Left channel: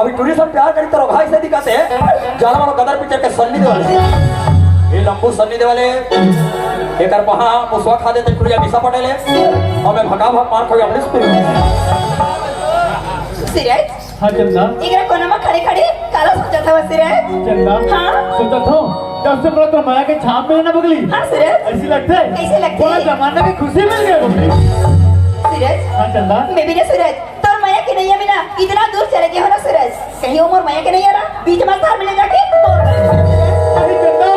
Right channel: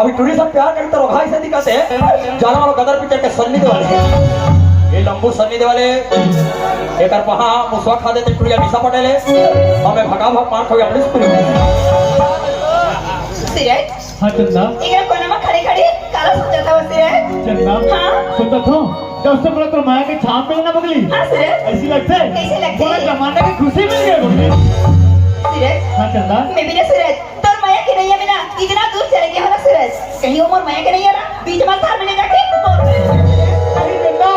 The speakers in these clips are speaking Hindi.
अभी टूरी सब प्यार करी तरह भाई से दिखाते जाना वालों गदर पिक्चर के सन्नी दे वाले ये लंबू सन्नी दे वाले एक और वहाँ मुसवा खा देते टूरिया निशा पटेले हमें भगा भाग मार खोया अपने स्कूल सिराज हाँ चंदा इधर कोना में खड़े खड़े काला सोचा था सिराज चंदा हाँ सुनता था जब से मेरा तो माया के छाप में ना बगली हाँ सिराज ऐसी लगता है कैसे लगता है? पूरा जमाना की खुशी मिल गई बगली सिराज हाँ चंदा मैं भी ना सूरज तो माया के नहीं है बिना इतना दूर चले गया हो ना सूरज कहीं उम्र माया के नहीं आ रहा बीच में थार में जाके अरे चंदा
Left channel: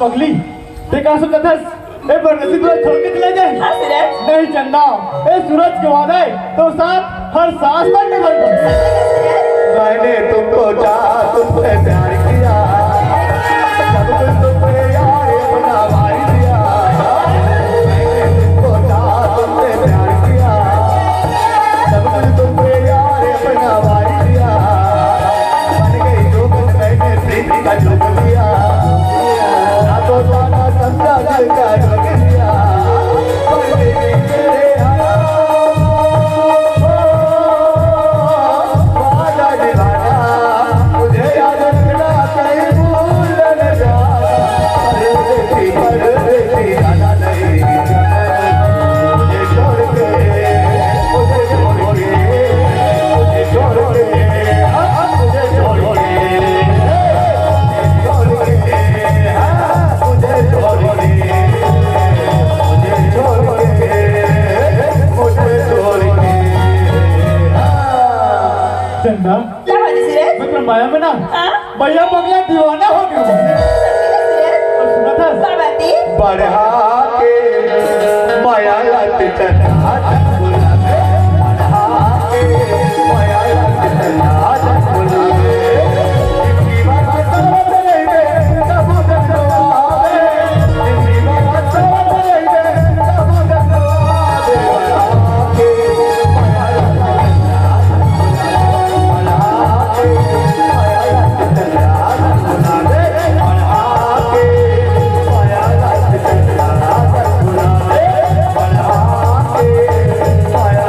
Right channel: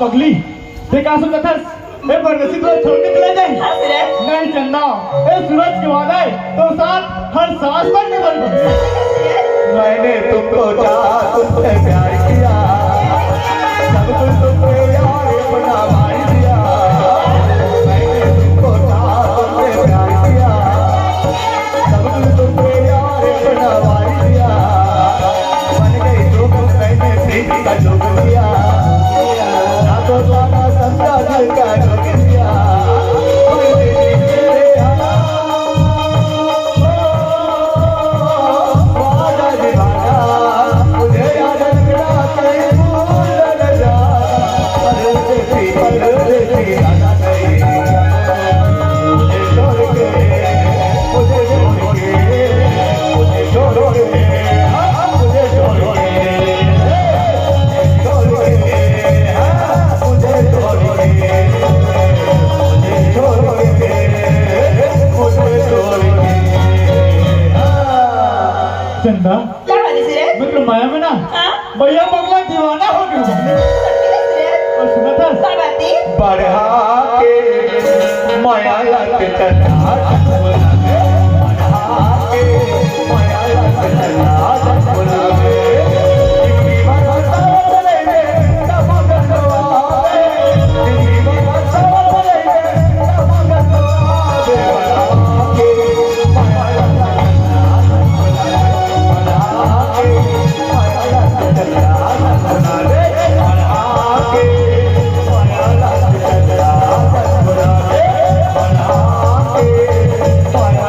पगली देखा सुन रखा ए बरसी तो छोड़ के चला जाए हाँ सूरज नहीं चंदा ए सूरज के वादा है तो साथ हर सांस तक निभाई मैंने तुमको चाहा तुमसे प्यार किया सब कुछ तुम पे यार अपना भाई दिया मैंने तुमको चाहा तुमसे प्यार किया सब कुछ तुम पे यार अपना भाई दिया बन गई जो कुछ मैंने प्रीति का जो किया तो जाना सबका दिल का ढोकिया पर तेरे वादा दीवाना मुझे याद रखना कहीं भूल न जाना परदेसी जाना नहीं मुझे छोड़ के मुझे छोड़ के मुझे छोड़ के मुझे छोड़ के चंदा क्या बात है सूरज मैं माया में ना हाँ भैया बगला दीवाना हो गया और सुना था क्या बात है बढ़ा के माया लत चढ़ा बुलावे बढ़ा के माया लत चढ़ा बुलावे इनकी बात समझ ले तब दरवाजे इनकी बात समझ ले तब दरवाजे बढ़ा के माया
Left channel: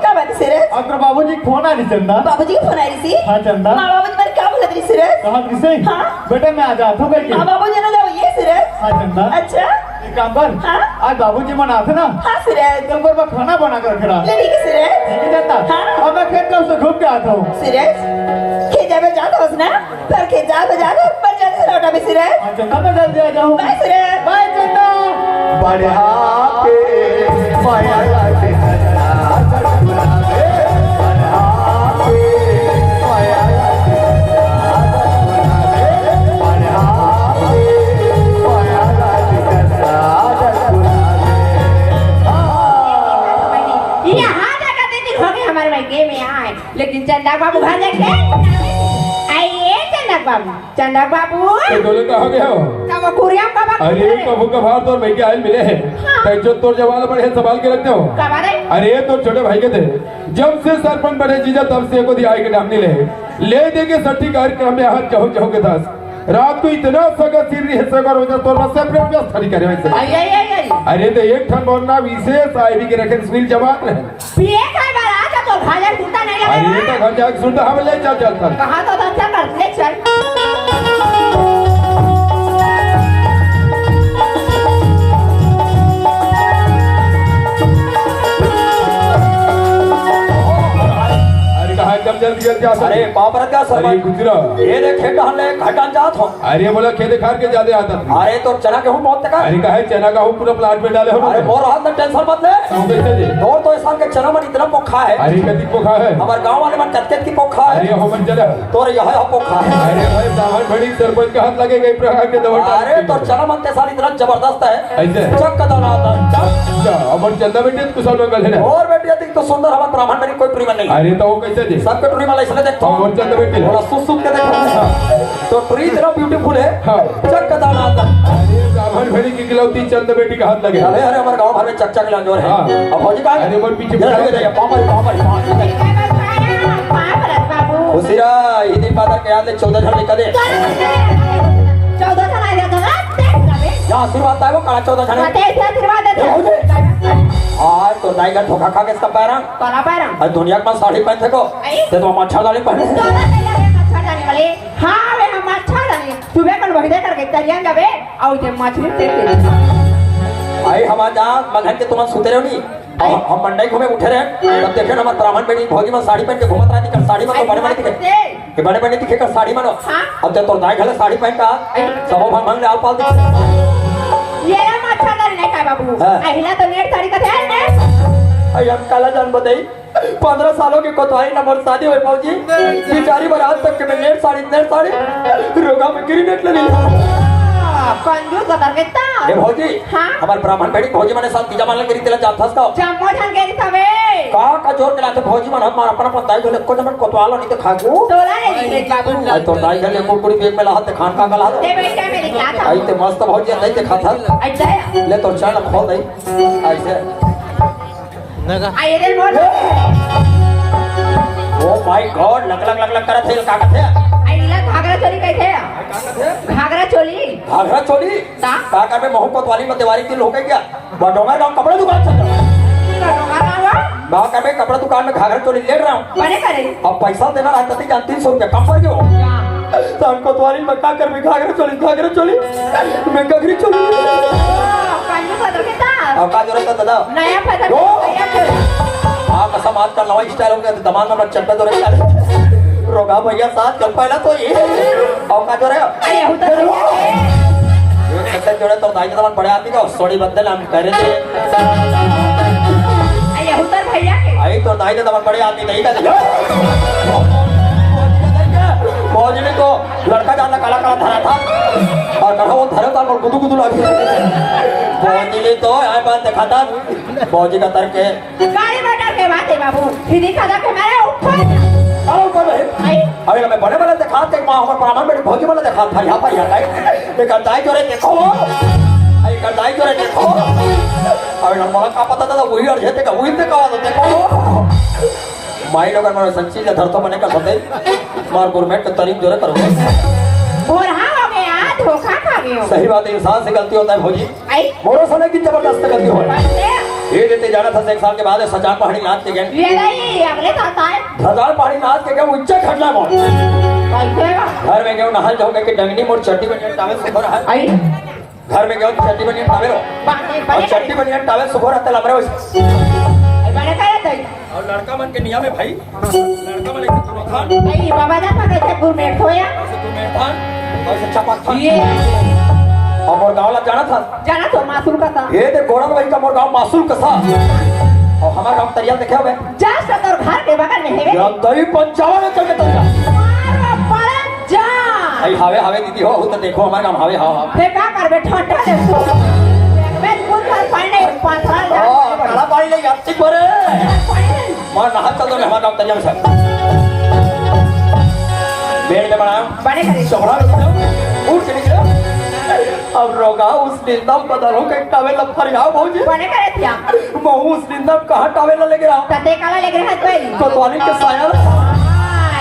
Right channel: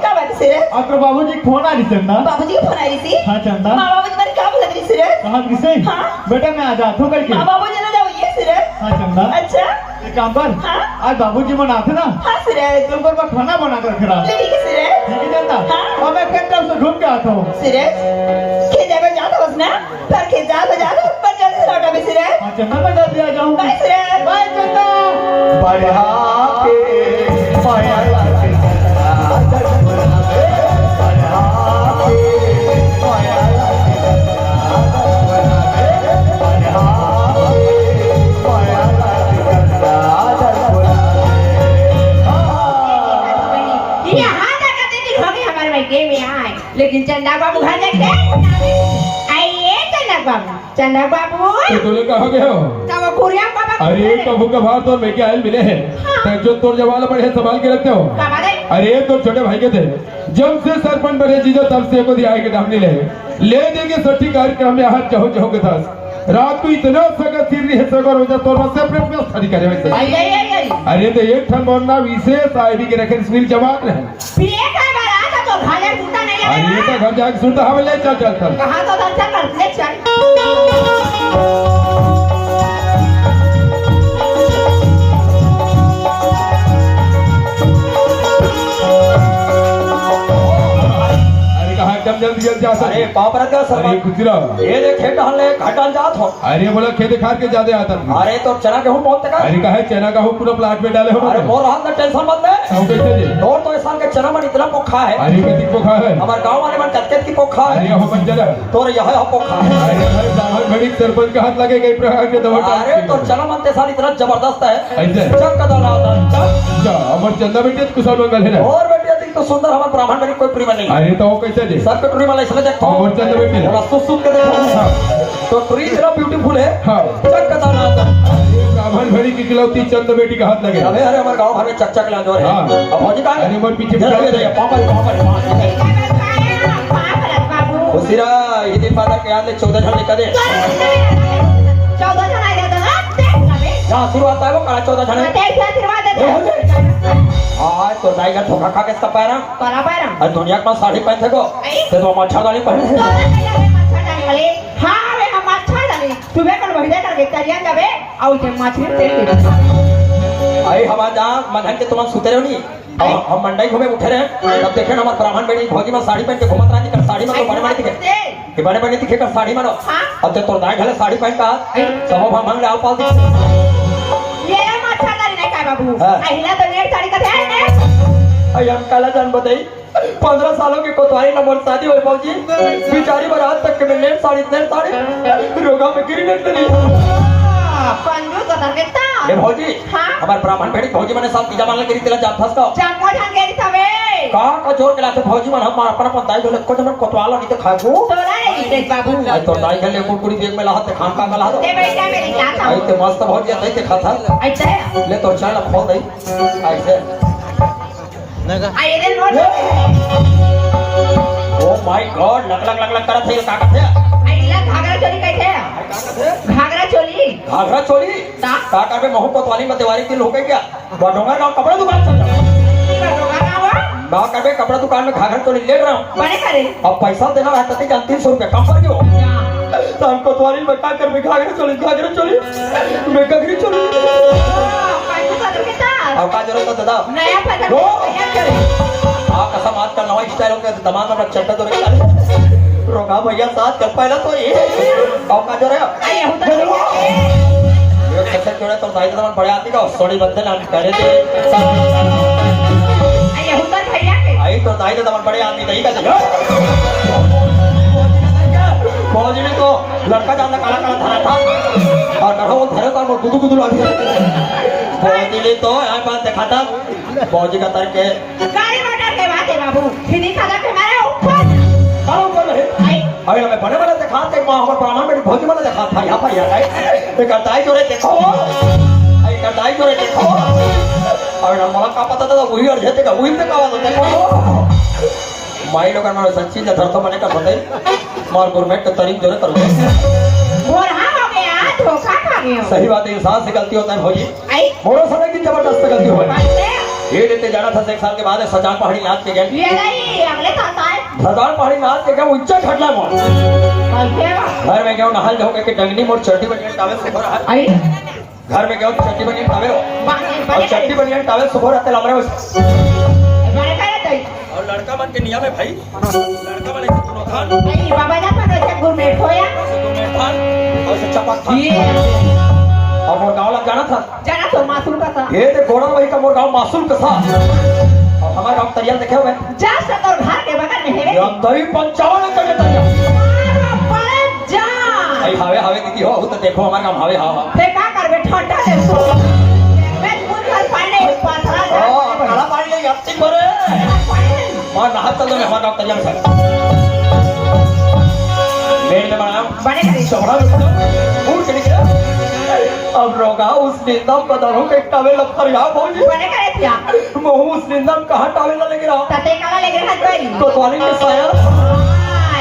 क्या बात है सूरज आपका बाबूजी फोन आ रही चंदा बाबूजी की फोन आई रही थी हाँ चंदा माँ बाबूजी मैंने क्या बोला थी सूरज कहा किसे हाँ। बेटा मैं आ जाता हूँ करके माँ बाबूजी ना जाओ ये सूरज हाँ चंदा अच्छा एक काम पर हाँ। आज बाबूजी मनाते ना हाँ सूरज कल पर खाना बना कर रखना ले ठीक है सूरज ठीक है जाता हाँ। और मैं खेत में उसे घूम के आता हूँ सूरज खेजा को जाता हो ना पर खेजा को जाता पर जाता लौटा भी सूरज हाँ चंदा मैं जल्दी आ जाऊँ बाय सूरज बाय चंदा बढ़ा के माया लाके चला बुलावे बढ़ा के माया लाके चला बुलावे बढ़ा के माया लाके चला बुलावे यहाँ जाकर दीदी हो गए हमारे भाई के में आए लेकिन चंदा बाबू घर देखे आइए चंदा बाबू चंदा बाबू तो तुम लोग कहाँ गए हो? तब कुरिया बाबा अरे कबू कभार तो बेटे आयल मिले हैं जो तोड़ जवान बड़े संभाल के रखते हो। अरे तो छोटे भाई के थे जब से सरपंच बने जीजा तब से को दिया के नाम ले ले देंगे सठी कार्यक्रम में हाथ चाहो चाहो के दास रात को इतना सगर सिर है सगर हो जा तो बस अपने व्यवस्था नहीं करे वैसे। अरे तो एक ठन बोलना विशेष आईडी के रखे सुनील जवान है पिए का बारा तो खाले कुत्ता नहीं लगे। अरे तो घर जाके सुनता हम ले चल चल कहा तो अच्छा करते चल एकदम जल्दी जल्दी जा अरे बाप रे क्या सर अरे गुजरा ये देखे टहलने घटान जात हो। अरे बोला खेत खार के ज्यादा आता था। अरे तो चना गेहूं बहुत तक अरे कहा चना का पूरा प्लाट में डाले हो अरे मोर हाथ में टेंशन मत ले कैसे जी और तो इस साल के चना मन इतना पोखा है। अरे कति पोखा है हमारे गांव वाले मन कत्ते की पोखा है। अरे हो बन चला तो यह है पोखा है। अरे भाई दामन बड़ी सरपंच का हाथ लगेगा इस प्रकार के दवा अरे तो चना मन ते साल इतना जबरदस्त है ऐसे चक का दाना आता अमर चंदा बेटे कुशल मंगल है और बेटे अधिक तो सुंदर हमारे ब्राह्मण में कोई प्रीमन नहीं। अरे तो कैसे जी सब के टूरी वाला इसलिए देखो अमर चंदा बेटे और सुसुम के देखो तो प्री इतना ब्यूटीफुल है हाँ चक का दाना आता अरे ब्राह्मण भड़ी की किलौती चंद बेटी का हाथ लगे अरे अरे हमारे गांव भर में चक चक लाजो है। अब हो जी का अरे मोर पीछे बाबू उसीरा इदी फादर के आले 14 जन निकले 14 जन आए थे ना आशीर्वाद था वो का 14 जन तेरे से आशीर्वाद देते हां तो नाई का ठोका खा के इसका पैरा तोला पैरम और दुनिया का साड़ी पहन थे को ते तो मच्छर वाली पहन मच्छर डालने वाले हां वे हम मच्छर डाले सुबह पर वही करके तरिया गवे और ते मछली ते भाई हम आज मधन के तुम सुते रहो नहीं हम मंडई घूमे उठे रहे अब देखे ना हमारे ब्राह्मण बेटी भौजी में साड़ी पहन के घूमत रही कर साड़ी में तो बड़े बड़े दिखे ये बड़े बड़े दिखे कर साड़ी में अब ते तो नाई घले साड़ी पहन का सब हम मंग ले पाल ये मच्छर डाले नहीं का बाबू अहिला तो नेट साड़ी का थे आई हम काला जान बताई 15 सालों की कोतवाली ना मोर शादी हुई भौजी बेचारी बारात तक के नेट साड़ी रोगा में गिरी नेट नहीं पंजू का तरकेता ए भौजी हाँ? हमारे ब्राह्मण बेटी भौजी मने साथ तीजा मान गिरी तेला जात फस का चम्मो ढंग के दिखावे का जोर के लाते भौजी मन हमार अपन दाई गले को जमन कोतवालो नहीं तो खागू तोला नहीं बाबू आई तो दाई गले कुरकुरी बेग में लाते खान का गला ते बेटा मेरी क्लास आई ते मस्त भौजी नहीं ते खाता अच्छा ले तो चाय खोल दई ऐसे आए दिन मोड़ ओ माय गॉड लग करत है का कहते आइला घाघरा चोली कैसे का कहते घाघरा चोली भागरा चोली का? का करबे महू कोतवाली में दिवाली दिन हो गई क्या बडोंगर गांव कपड़ा दुकान चल बा करबे कपड़ा दुकान में घाघरा चोली ले रहा हूं बड़े करे अब पैसा देना रहता थी 300 रुपया कम कर क्यों तो हमको तुम्हारी बता कर मैं घाघरा चोली मैं घाघरी चोली पंजू का तरकेता अब का जरूरत है दादा नया पता आप ऐसा मात का नवा स्टाइल हो गया दमाग में चट्टा तो रख रोगा भैया साथ चल पहला तो ये अब का जरूरत आए हो तो ये कैसे जोड़े तो दाई दमान बड़े आदमी का सोड़ी बदल हम करे थे आए हो तो भैया के आई तो दाई दमान बड़े आदमी नहीं का फौज ने तो लड़का जानना काला काला धरा था और कहा वो धरे का गुदू गुदू लग गया फौज ने तो यार बात दिखाता फौजी का तर्क है गाड़ी मोटर के बात है बाबू हिंदी खाना के मारे ऊपर और ऊपर में आई अभी मैं बड़े बड़े दिखा के मां हमारे ब्राह्मण में भौजी वाला दिखा था यहां पर यार एक दाई जोरे देखो एक दाई जोरे देखो और हमरा का पता था वही और जेते का वही ते का देखो माई लोग हमारे संची ने धरतो बने का सते मार गुरमेट के तारीफ जोरे करो और हां हो गया धोखा खा गयो सही बात है इंसान से गलती होता है भौजी आई मोरो सने की जबरदस्त गलती हो बंदे ये लेते जाना था 1 साल के बाद सजान पहाड़ी लाद के गए ये नहीं अगले था सजान पहाड़ी लाद के गए उच्च घटना मोड़ कैसे घर में गए नहाल धो के डंगनी मोड़ चट्टी बनिए टावल सुबह रहा आई घर में गए चट्टी बनिए टावल और चट्टी बनिए टावल सुबह रहते लमरे बड़े करे तो और लड़का मन के नियम है भाई लड़का वाले से दोनों थान आई बाबा ना तो कैसे गुरमेट होया से तो मैं थान और से चपात थान ये और मोर गांव लग जाना था जाना तो मासूम का था ये ते गोड़ा भाई का मोर गांव मासूल का था और हमारा गांव तरिया देखे हुए जा सकर घर के बगल में है ये हम दही 55 कर के तरिया बड़ा जा भाई हावे हावे दीदी हो तो देखो हमारे गांव हावे हावा देखा करबे ठंडा दे सो मैं कुछ पानी पाथरा जा काला पानी ले जाती बरे और नहा चल दो हमारा गांव तरिया से बेड में बनाया बड़े करे चौड़ा में बनाओ उठ के निकले अब रोगा उस निंदा बदलो के टावेल फरिया भौजी बड़े करे थिया महू उस निंदा कहां टावेल लेके रहा तते काला लेके हाथ भाई कोतवाली के साया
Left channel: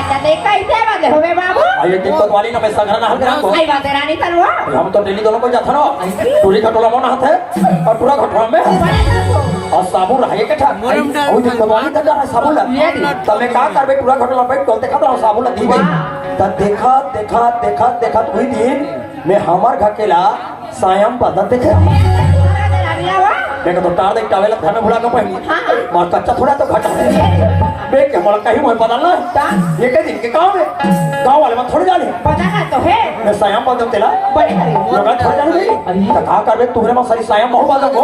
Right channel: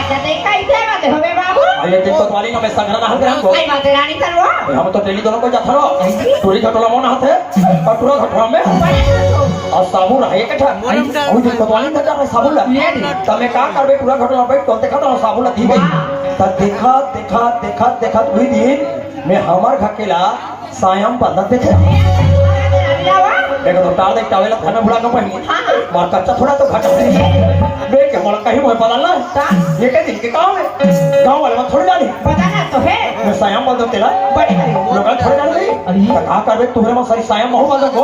तते कैसे बात होवे बाबू आये तीन कोतवाली ना मैं संघरा ना हल को आई बात रानी करवा हम तो दिल्ली दोनों को जाता ना टूरी खटोला मोना हाथ है और पूरा खटोला में बड़े करे और साबुन रहे के ठा ओई दिन कोतवाली का जा साबुन तमे का करबे पूरा खटोला पे कोते खाता साबुन दी गई तब देखा वही दिन मैं हमार घकेला सायम बदन देखे देख तो टार देख टावेला घर में बुला के पहनी मार कच्चा थोड़ा तो घटा दे देख के मोला कहीं मोय बदलना ये के दिन के काम है गांव वाले में थोड़ी जाने पता ना तो है मैं सायम बदन तेला बड़े करे लोग थोड़ी जाने अरे का करबे तुम्हारे में सारी सायम बहुत बदन को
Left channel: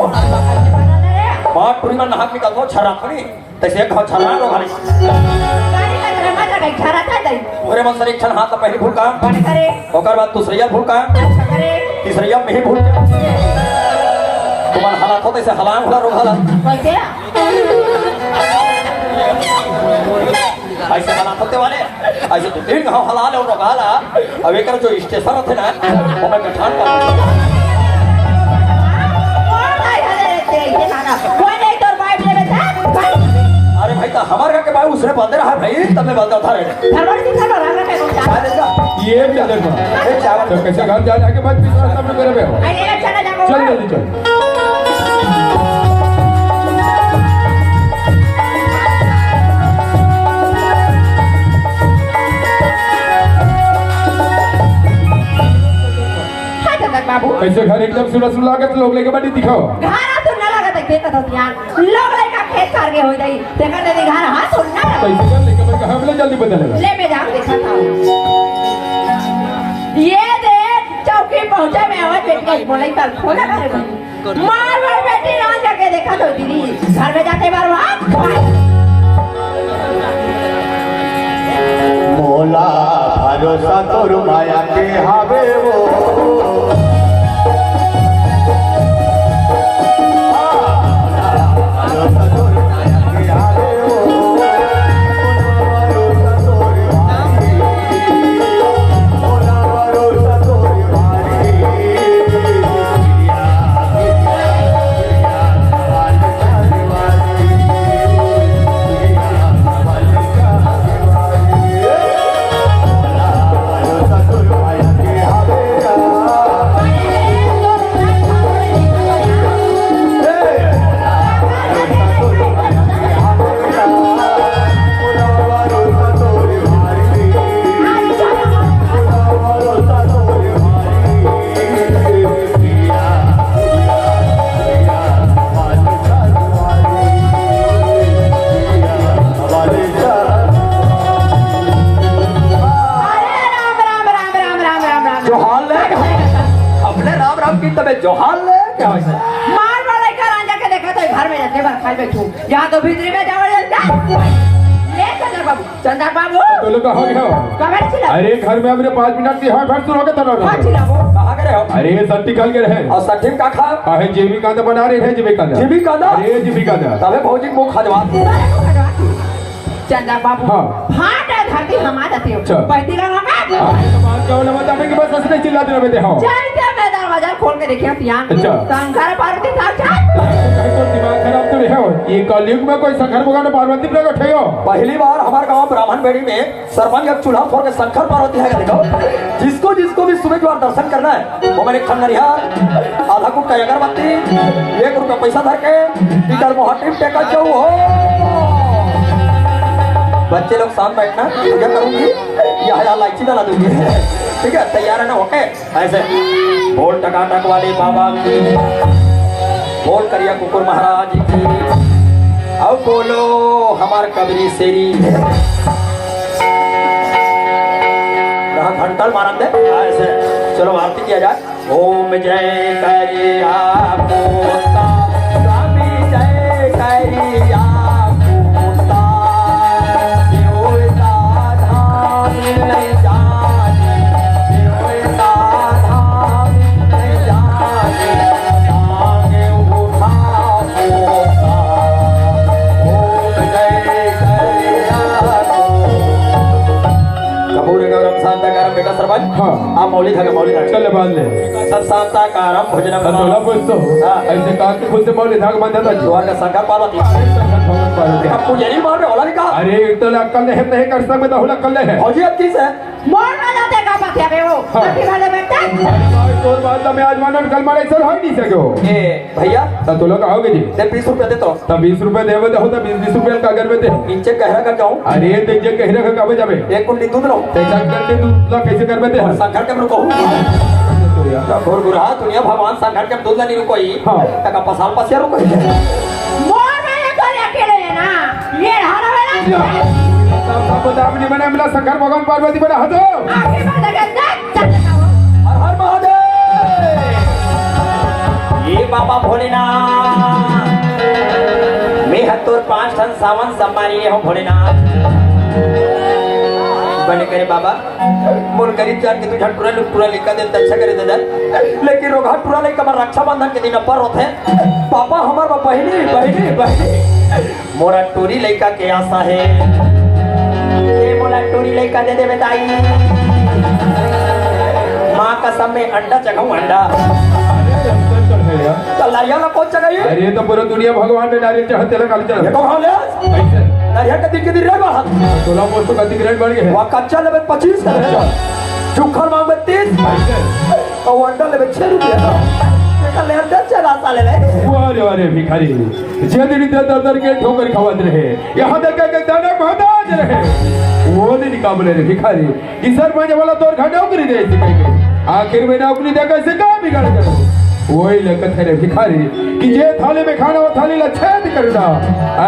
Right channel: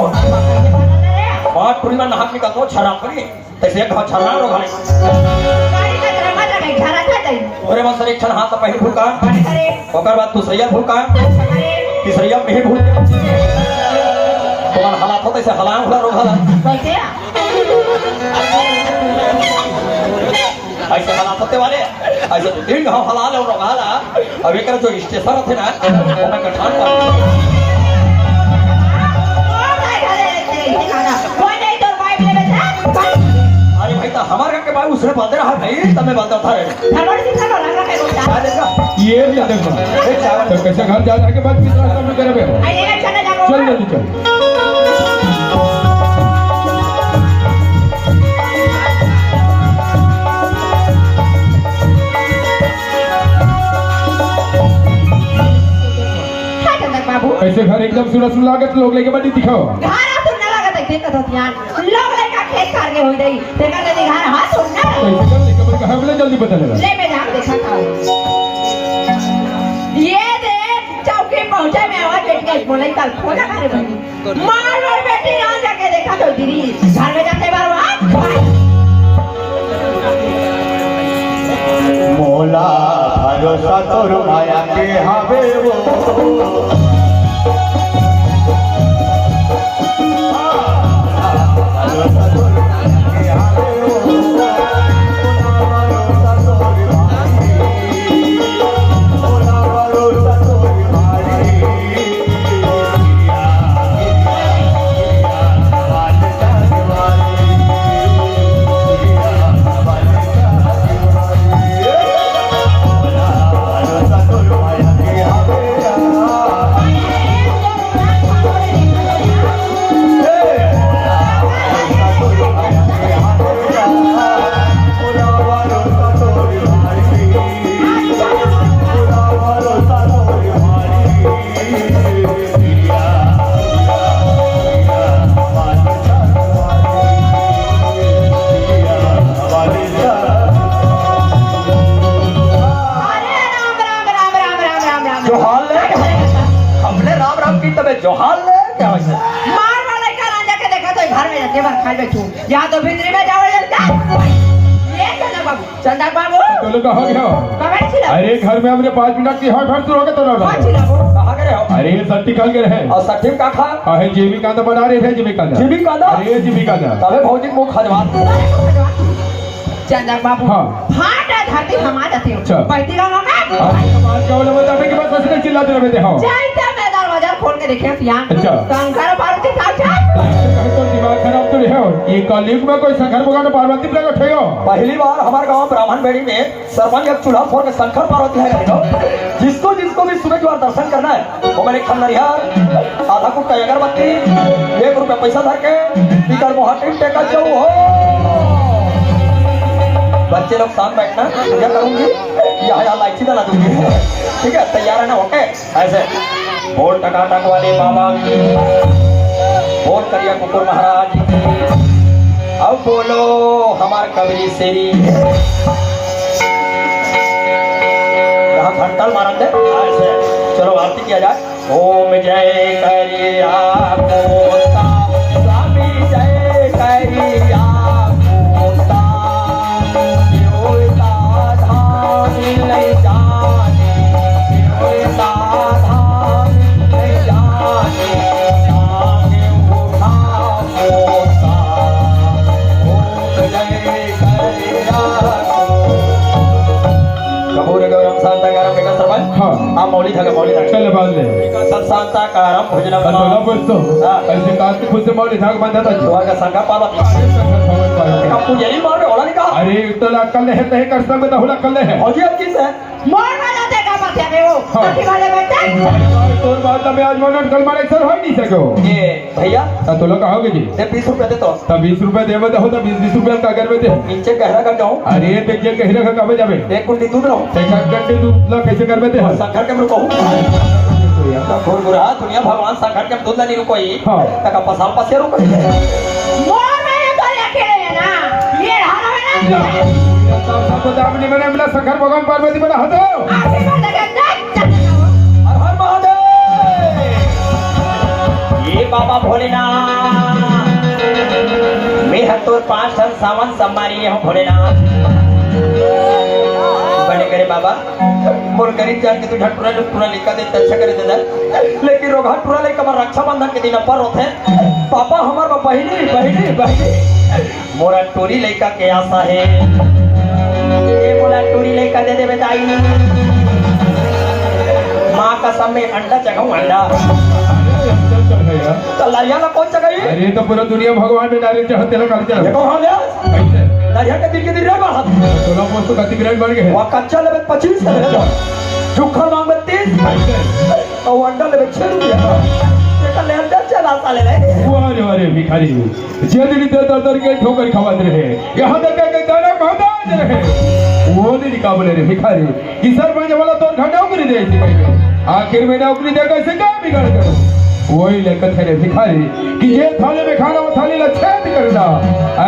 बात पूरी में नहाक निकल तो छरा खड़ी तैसे घर छरा रो भाई घरा था दई ओरे मन सरे छन हाथ पहले भूल का बड़े करे ओकर बाद दूसरिया भूल का करे तीसरिया में ही भूल तो मन हालात होते से हलांग हो रो हला कैसे ऐसे हालात होते वाले ऐसे तो दिन गांव हला ले रो गाला अब एकर जो स्टेशन थे ना ओमे के ठान पर अरे भाई तो हमारे घर के भाई उसने बोलते रहा भाई तब बोलता था ये भी देखो तो कैसे घर जाने के बाद बिजनेस सब करेंगे चल जल्दी चल बाबू कैसे घर एकदम सुलह सुलह लागत लोग लेके बैठी दिखाओ घारा तो ना लगा देख देखत हथियान लोग लेका खेत कार के हो जाई देखा दे घारा हाथ तो ना कैसे कर लेके मैं कहां बोले जल्दी बदलेगा ले मैं जाऊं देखा था ये दे चौकी पहुंचे मैं आवाज बैठ गई बोले कल खोला करे मार बेटी ना जाके देखा तो दीदी घर में जाके मारवा मोला भरोसा तोर माया के हावे वो जोहाल ले क्या है मार वाले का अंडा के देखा तो घर में जाके बार खा बैठू या तो भीतरी में जाओ ये चंदा बाबू चंदा बाबू तो लोग हो गया कमेंट छिला अरे घर में हमने 5 मिनट की हाथ हाथ हो गया तो कौन छिला वो कहां गए हो अरे ये सट्टी काल के रहे और सठी का खा काहे जीविका दा बना रहे थे जीविका दा जीविका दा अरे जीविका दा तबे भौजी को खजवा चंदा बाबू हाँ। फाटा धरती हमा जाते अच्छा। हो बैठी का ना मार के बोले बताने के बाद हंसने चिल्लाते रहे थे हो जाइए मैं दरवाजा खोल के देखिए यहाँ अच्छा। शंकर पार्वती साथ तो दिमाग खराब तो नहीं हो ये कलयुग में कोई शंकर भगवान पार्वती पे उठेगा पहली बार हमारे गांव ब्राह्मण बेड़ी में सरपंच एक चूल्हा फोड़ के शंकर पार्वती है देखो जिसको जिसको भी सुबह जो दर्शन करना है वो मैंने खन्ना रिहा आधा कुट का अगरबत्ती 1 रुपया पैसा धर के इधर को हाथ टेका जाओ हो बच्चे लोग शाम बैठना पूजा करूंगी यहाँ लाइची डाला दूंगी ठीक है तैयार है ना ओके ऐसे बोल टकाटक वाले बाबा की बोल करिए कुकुर महाराज की अब बोलो हमार कबरी सेरी यहाँ घंटल मानते ऐसे चलो आरती किया जाए ओम जय करिया कपूर गौरम हाँ मौली धागा मौली धागा चल बांध ले सब शांताकारम भोजनम अब तोला बोलतो ऐसे काट के खुद से मौली धागा बांधा था दोहा का संकर पावती अब तू यही बात है होला नहीं कहा अरे इतना अक्कल नहीं है कर सकते तो होला अक्कल है फौजी अब किस है मोर में जाते का बात है वो हाँ। अभी वाले बेटा तोर बात में आज मानन कल मारे सर हो नहीं सको ए भैया तो तो लोग कहोगे जी दे 20 रुपया दे तो तब 20 रुपए देवे तो होता 20 रुपए का घर में दे नीचे कहरा का क्यों अरे तो ये कहने का कब जावे एक कुंडी दूध लो पैसा करते तू ला कैसे कर में दे संकर के रुको और गुरा दुनिया भगवान संकर के दूध नहीं रुको ही हाँ। तक पसार पसिया रुको मोर में तो अकेले है ना ये हर वाला सबको दाबने में मिला शंकर भगवान पार्वती बना हतो आगे बढ़ गया हर हर महादेव ये बाबा भोलेनाथ मैं हतोर 5 टन सामान सम्मानीय हूँ भोलेनाथ बड़े करे बाबा मोर गरीब जान के तू झटपुरा ने पूरा लिखा दे अच्छा करे दे लेकिन रोगा पूरा लेकर हमर रक्षाबंधन के दिन पर होते पापा हमार बहिनी बहिनी बहिनी मोरा टोरी लेका के आशा है ये मोरा टोरी लेका दे दे बेटाई माँ कसम में अंडा चढ़ाऊं अंडा कलाया ना कौन चढ़ाई अरे तो पूरा दुनिया भगवान में डायरेक्ट चाहते ना काली ये चढ़ तो हम यार ऐसे दरिया के दिन के दिन रहेगा तोला मोर तो गति ग्रैंड बढ़ गए वो कच्चा लेवे 25 का है चुखर मांगे 30 और अंडा लेवे 6 रुपया एक लेवल चला साले ले अरे अरे भिखारी जे दिन दर दर के ठोकर खवात रहे यहाँ तक के दाना मोहताज रहे वो नहीं निकाले रे भिखारी कि सरपंच वाला तोर घटाव कर दे ऐसे कहीं आखिर में नौकरी दे कैसे का बिगाड़ कर वही लकत है रे भिखारी कि जे थाले में खाना वो थाली ला छेद कर दा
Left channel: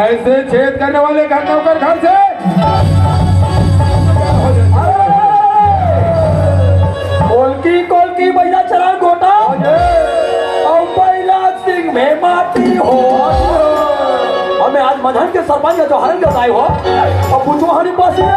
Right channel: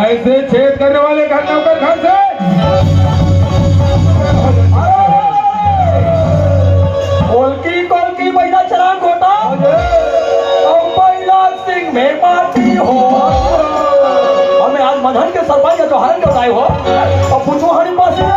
ऐसे छेद करने वाले घर नौकर घर से कोलकी बैठा चला गोटा और बैराग सिंह में माटी हो हमें आज मधन के सरपंच जो हरन के भाई हो और पूछो हरी पासी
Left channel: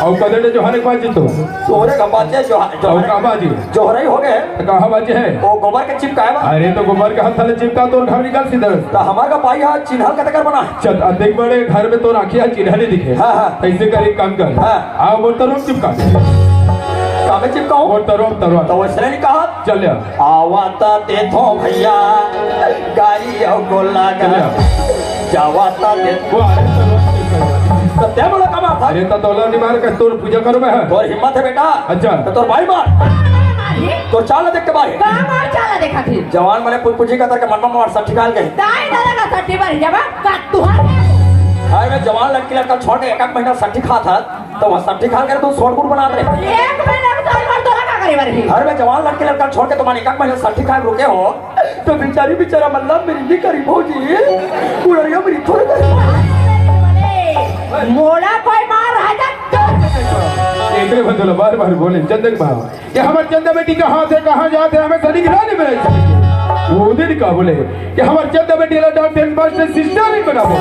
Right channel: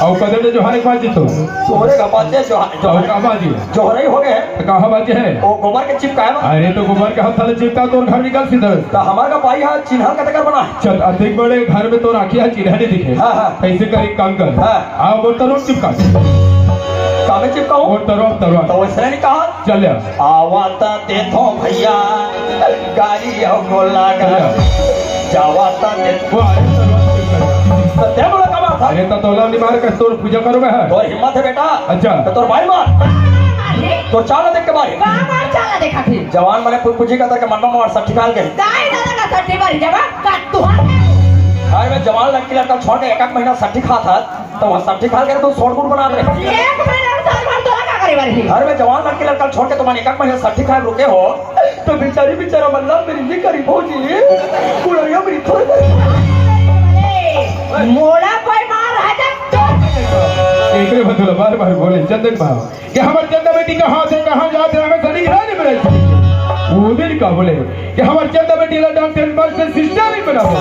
और कदर जो हर बाजी तो तोहरे का बाजे जो और का बाजी जोहरे हो गए कहां बाजी है वो गोबर के चिपका है ना अरे तो गोबर का हाथ चिपका तो घर निकल सीधा तो हमारा भाई यहाँ चिन्हा का टकर बना है चल अधिक बड़े घर में तो राखी है चिन्ह नहीं दिखे हाँ, हाँ। ऐसे कर एक काम कर हाँ। हाँ वो तरुण चिपका कामे चिपकाऊं और तरुण तरुण तो वैसे नहीं कहा चल आवाता ते थो भैया गाड़ी हो गोला गला जावाता ते वो अरे तरुण चिपका तो ते बोला कमा था अरे तो तोला नहीं मार कर तोर पूजा करो मैं तोर हिम्मत है बेटा अच्छा। तो तोर भाई मार तो चाल देख के मारे कहां मार चला देखा थी जवान मैंने पुजी का तरह के मन में मार सट्टी डाल के दाई दादा का सट्टी मारी जवाब काट तू भाई मैं जवान लड़की लड़का छोड़ के एक महीना सट्टी खा था तो वह सट्टी खा कर तू सोड़पुर बना दे एक महीना का साल भर तो लगा करे बारी घर में जवान लड़के लड़का छोड़ के तुम्हारे एक महीने सट्टी खा रुके हो तो बेचारी बेचारा मल्ला मेरी नहीं करी भौजी पुरैया मेरी थोड़ी मोला कोई मार है तक एकरे बदला बार बार बोले चंदन भाव कि हमारे चंदा बेटी का हाथ है कहाँ जाते हैं हमें सनी घराने में रहते वो दिन का बोले कि हमारे चंदा बेटी ला डॉक्टर मास्टर सिस्टर नहीं बना हो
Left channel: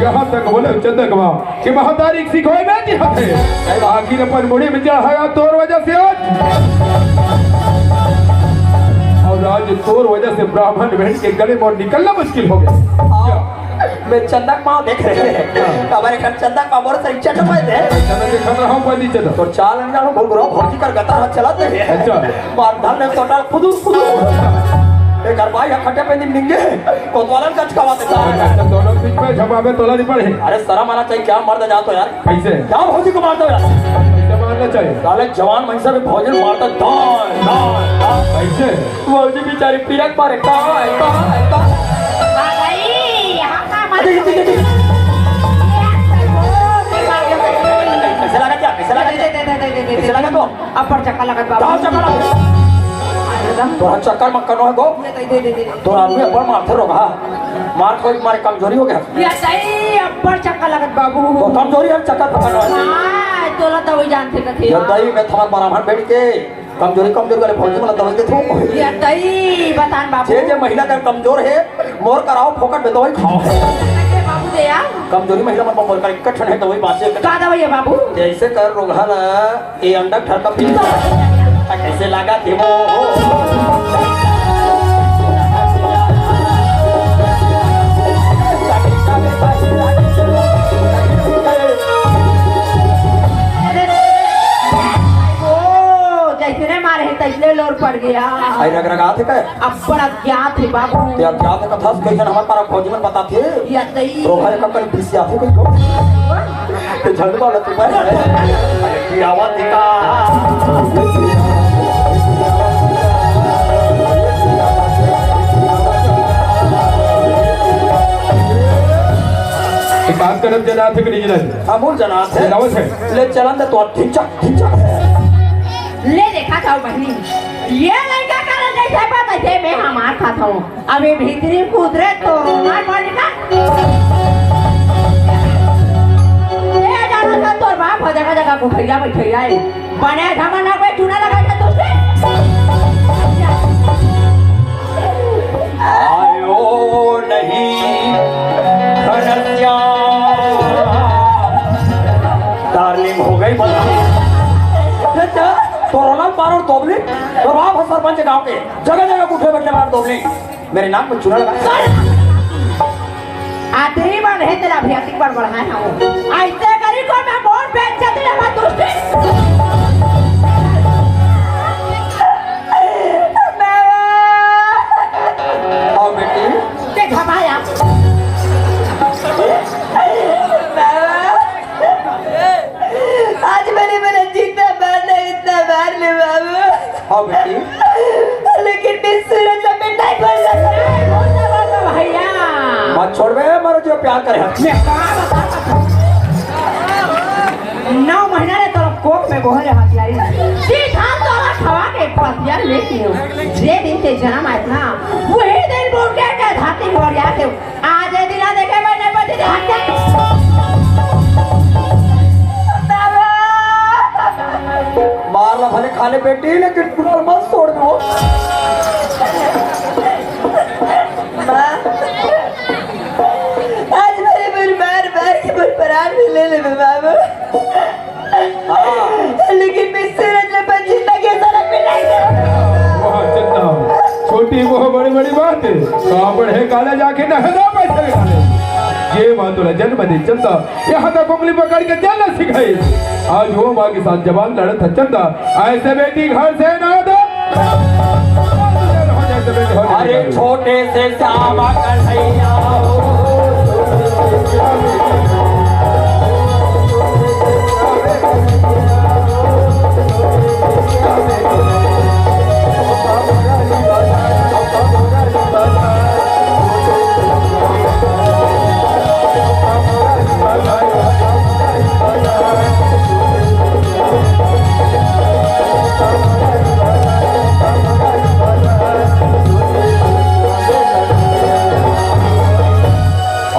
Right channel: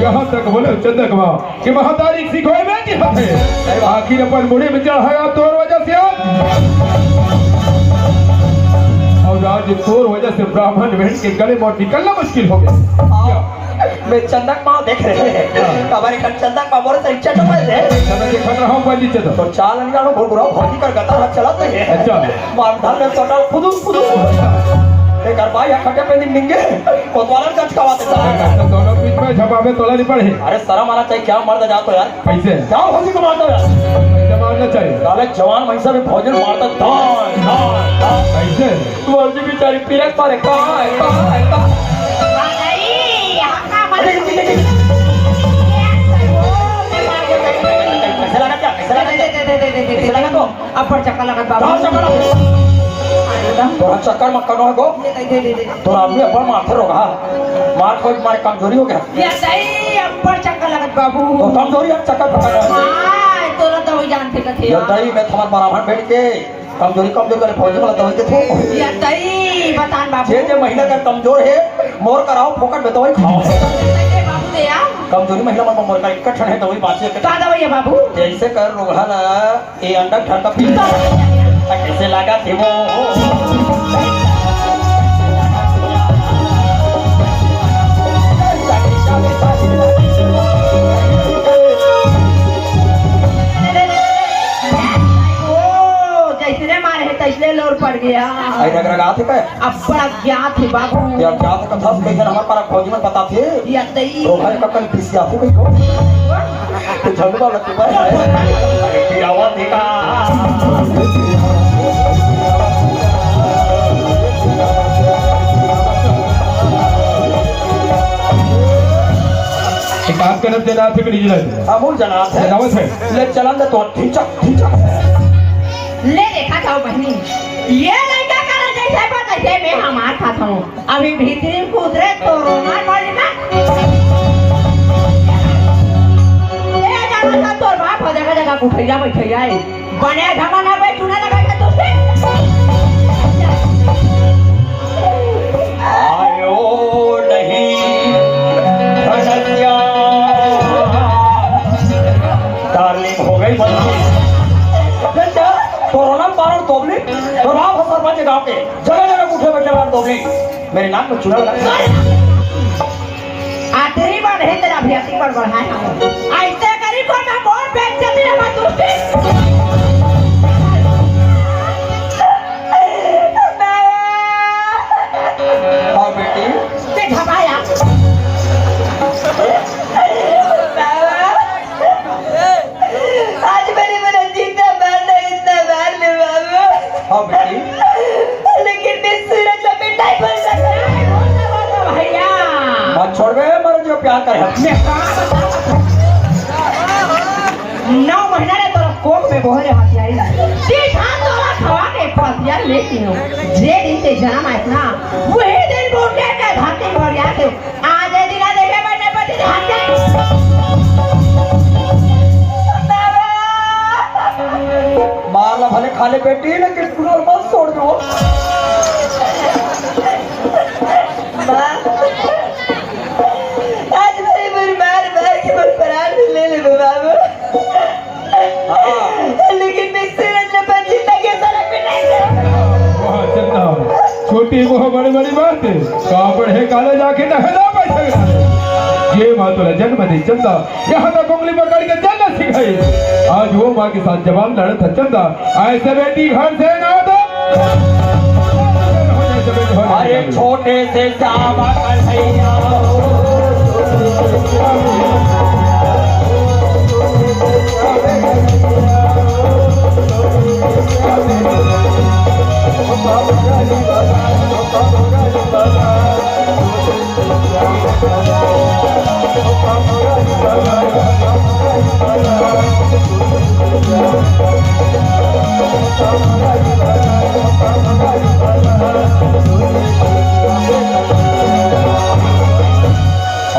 यहाँ तक बोले चंदा कमा कि महातारी सिखोए में नहीं हथे आखिर अपन मुड़ी में चढ़ाया तोर वजह से और आज तोर वजह से ब्राह्मण बहन के गले में निकलना मुश्किल हो गया मैं चंदक माँ देख रहे हैं हमारे घर चंदक माँ बोले तरीके से पड़े चंदा देखा रहा हूँ पानी चंदा तो चाल अंजानो घुघरा भौजी कर गता चलाते हैं अच्छा। मारधार में टोटल फुदूस एक भाई खट्टे पे निंगे कोतवाल कच कवाते दोनों बीच में झपावे तोला नहीं पड़े अरे शर्म आना चाहिए क्या मर्द जातो यार कैसे जाओ भौजी को मारता यार ऐसा मारना चाहिए साले जवान महिषा में भौजी मारता दान कैसे भौजी बेचारी पीरक मारे कहाँ आ गई यहां का मार कैसे लगा क्या कैसे लगा तो अपर चक्का लगा जाओ बाबू चक्कर तोरा चक्कर मत करो गो तोरा आदमी अपन माथे रोगा मार कोई मारे कमजोरी हो गया ये सही अपर चक्का लगा बाबू तो कमजोरी है चक्कर पकड़ रहा हां तोला तो वही जानते थे ये दही में थमत बराबर बैठ के कमजोरी वाले फौजी वाला दवाई के थो ये सही बतान बाबू जे महिला का कमजोर है मोर कराओ फोकट में दवाई खाओ बाबू दे यार कमजोरी महिला में मोर का इकट्ठा है तो वही बाँचे का दवाई है बाबू जैसे कर रोगल ये अंडा ठंडा पी कैसे लगा थे वो ओ जैसे मारे है तैसे लोर पड़ गया आई रग रगा थे क्या अब बड़ा ज्ञात है बाबू क्या क्या था कथा कैसे हमारे पर खोजी में पता थे या तई रोगल का कल पीसी आते कोई को तो झगड़ा वाला तो भाई की आवाज देखा काम करब जना थे कि नहीं अमूल जना थे जनावत है ले चलन दे तो ठिचक ले देखा था बहनी ये लड़का का जैसे पता है मैं हमार खाता हूँ अभी भीतरी कूद रहे तो मार मारने का ये जानो तो बाप हो जगह जगह गुठैया बैठैया है बने जमाना में चूना लगा के तुझे आयो नहीं खनसिया डार्लिंग हो गई बच्चा कोरोना पारो तोबली प्रभाव हो सरपंच गांव के जगह जगह उठे बैठे वाला तोबली मेरे नाम में चूना लगा आखिरी बार है तेरा अभ्यासी कर रहा है ऐसे करी को मैं वोट बेच के तेरा मत तुझे और बेटी ते झपाया आज मेरा जीता मारना इतना मार ले बाबू हाँ बेटी लेकिन मैं सूरज में मिठाई बोल भैया मत छोड़ गए मरो जो प्यार करे मैं 9 महीना ने तो कोक में बोहरे हथियारी सीधा तोरा खवा के हथियार लेती हूँ जे दिन से जन्म आया था वही दिन टूट गया के धाती भर गया के आज ये दिन देखे मैंने पति हत्या मारना भले खाने बेटी लेकिन पूरा मत छोड़ दो आज मेरे मार के मुझ पर आड़ ले ले बाबू लेकिन मैं सूरज में बची लगे सड़क पे नहीं वहाँ चलना छोटी वो बड़ी बड़ी बात है कहाँ पर है काले जाके नहदा बैठा गया ये माँ तुरा जन्म नहीं चलता यहाँ तक उंगली पकड़ के चलना सिखाई आज वो माँ के साथ जवान लड़ा था चलता ऐसे बेटी घर से ना दो अरे छोटे से सामा कन्हैया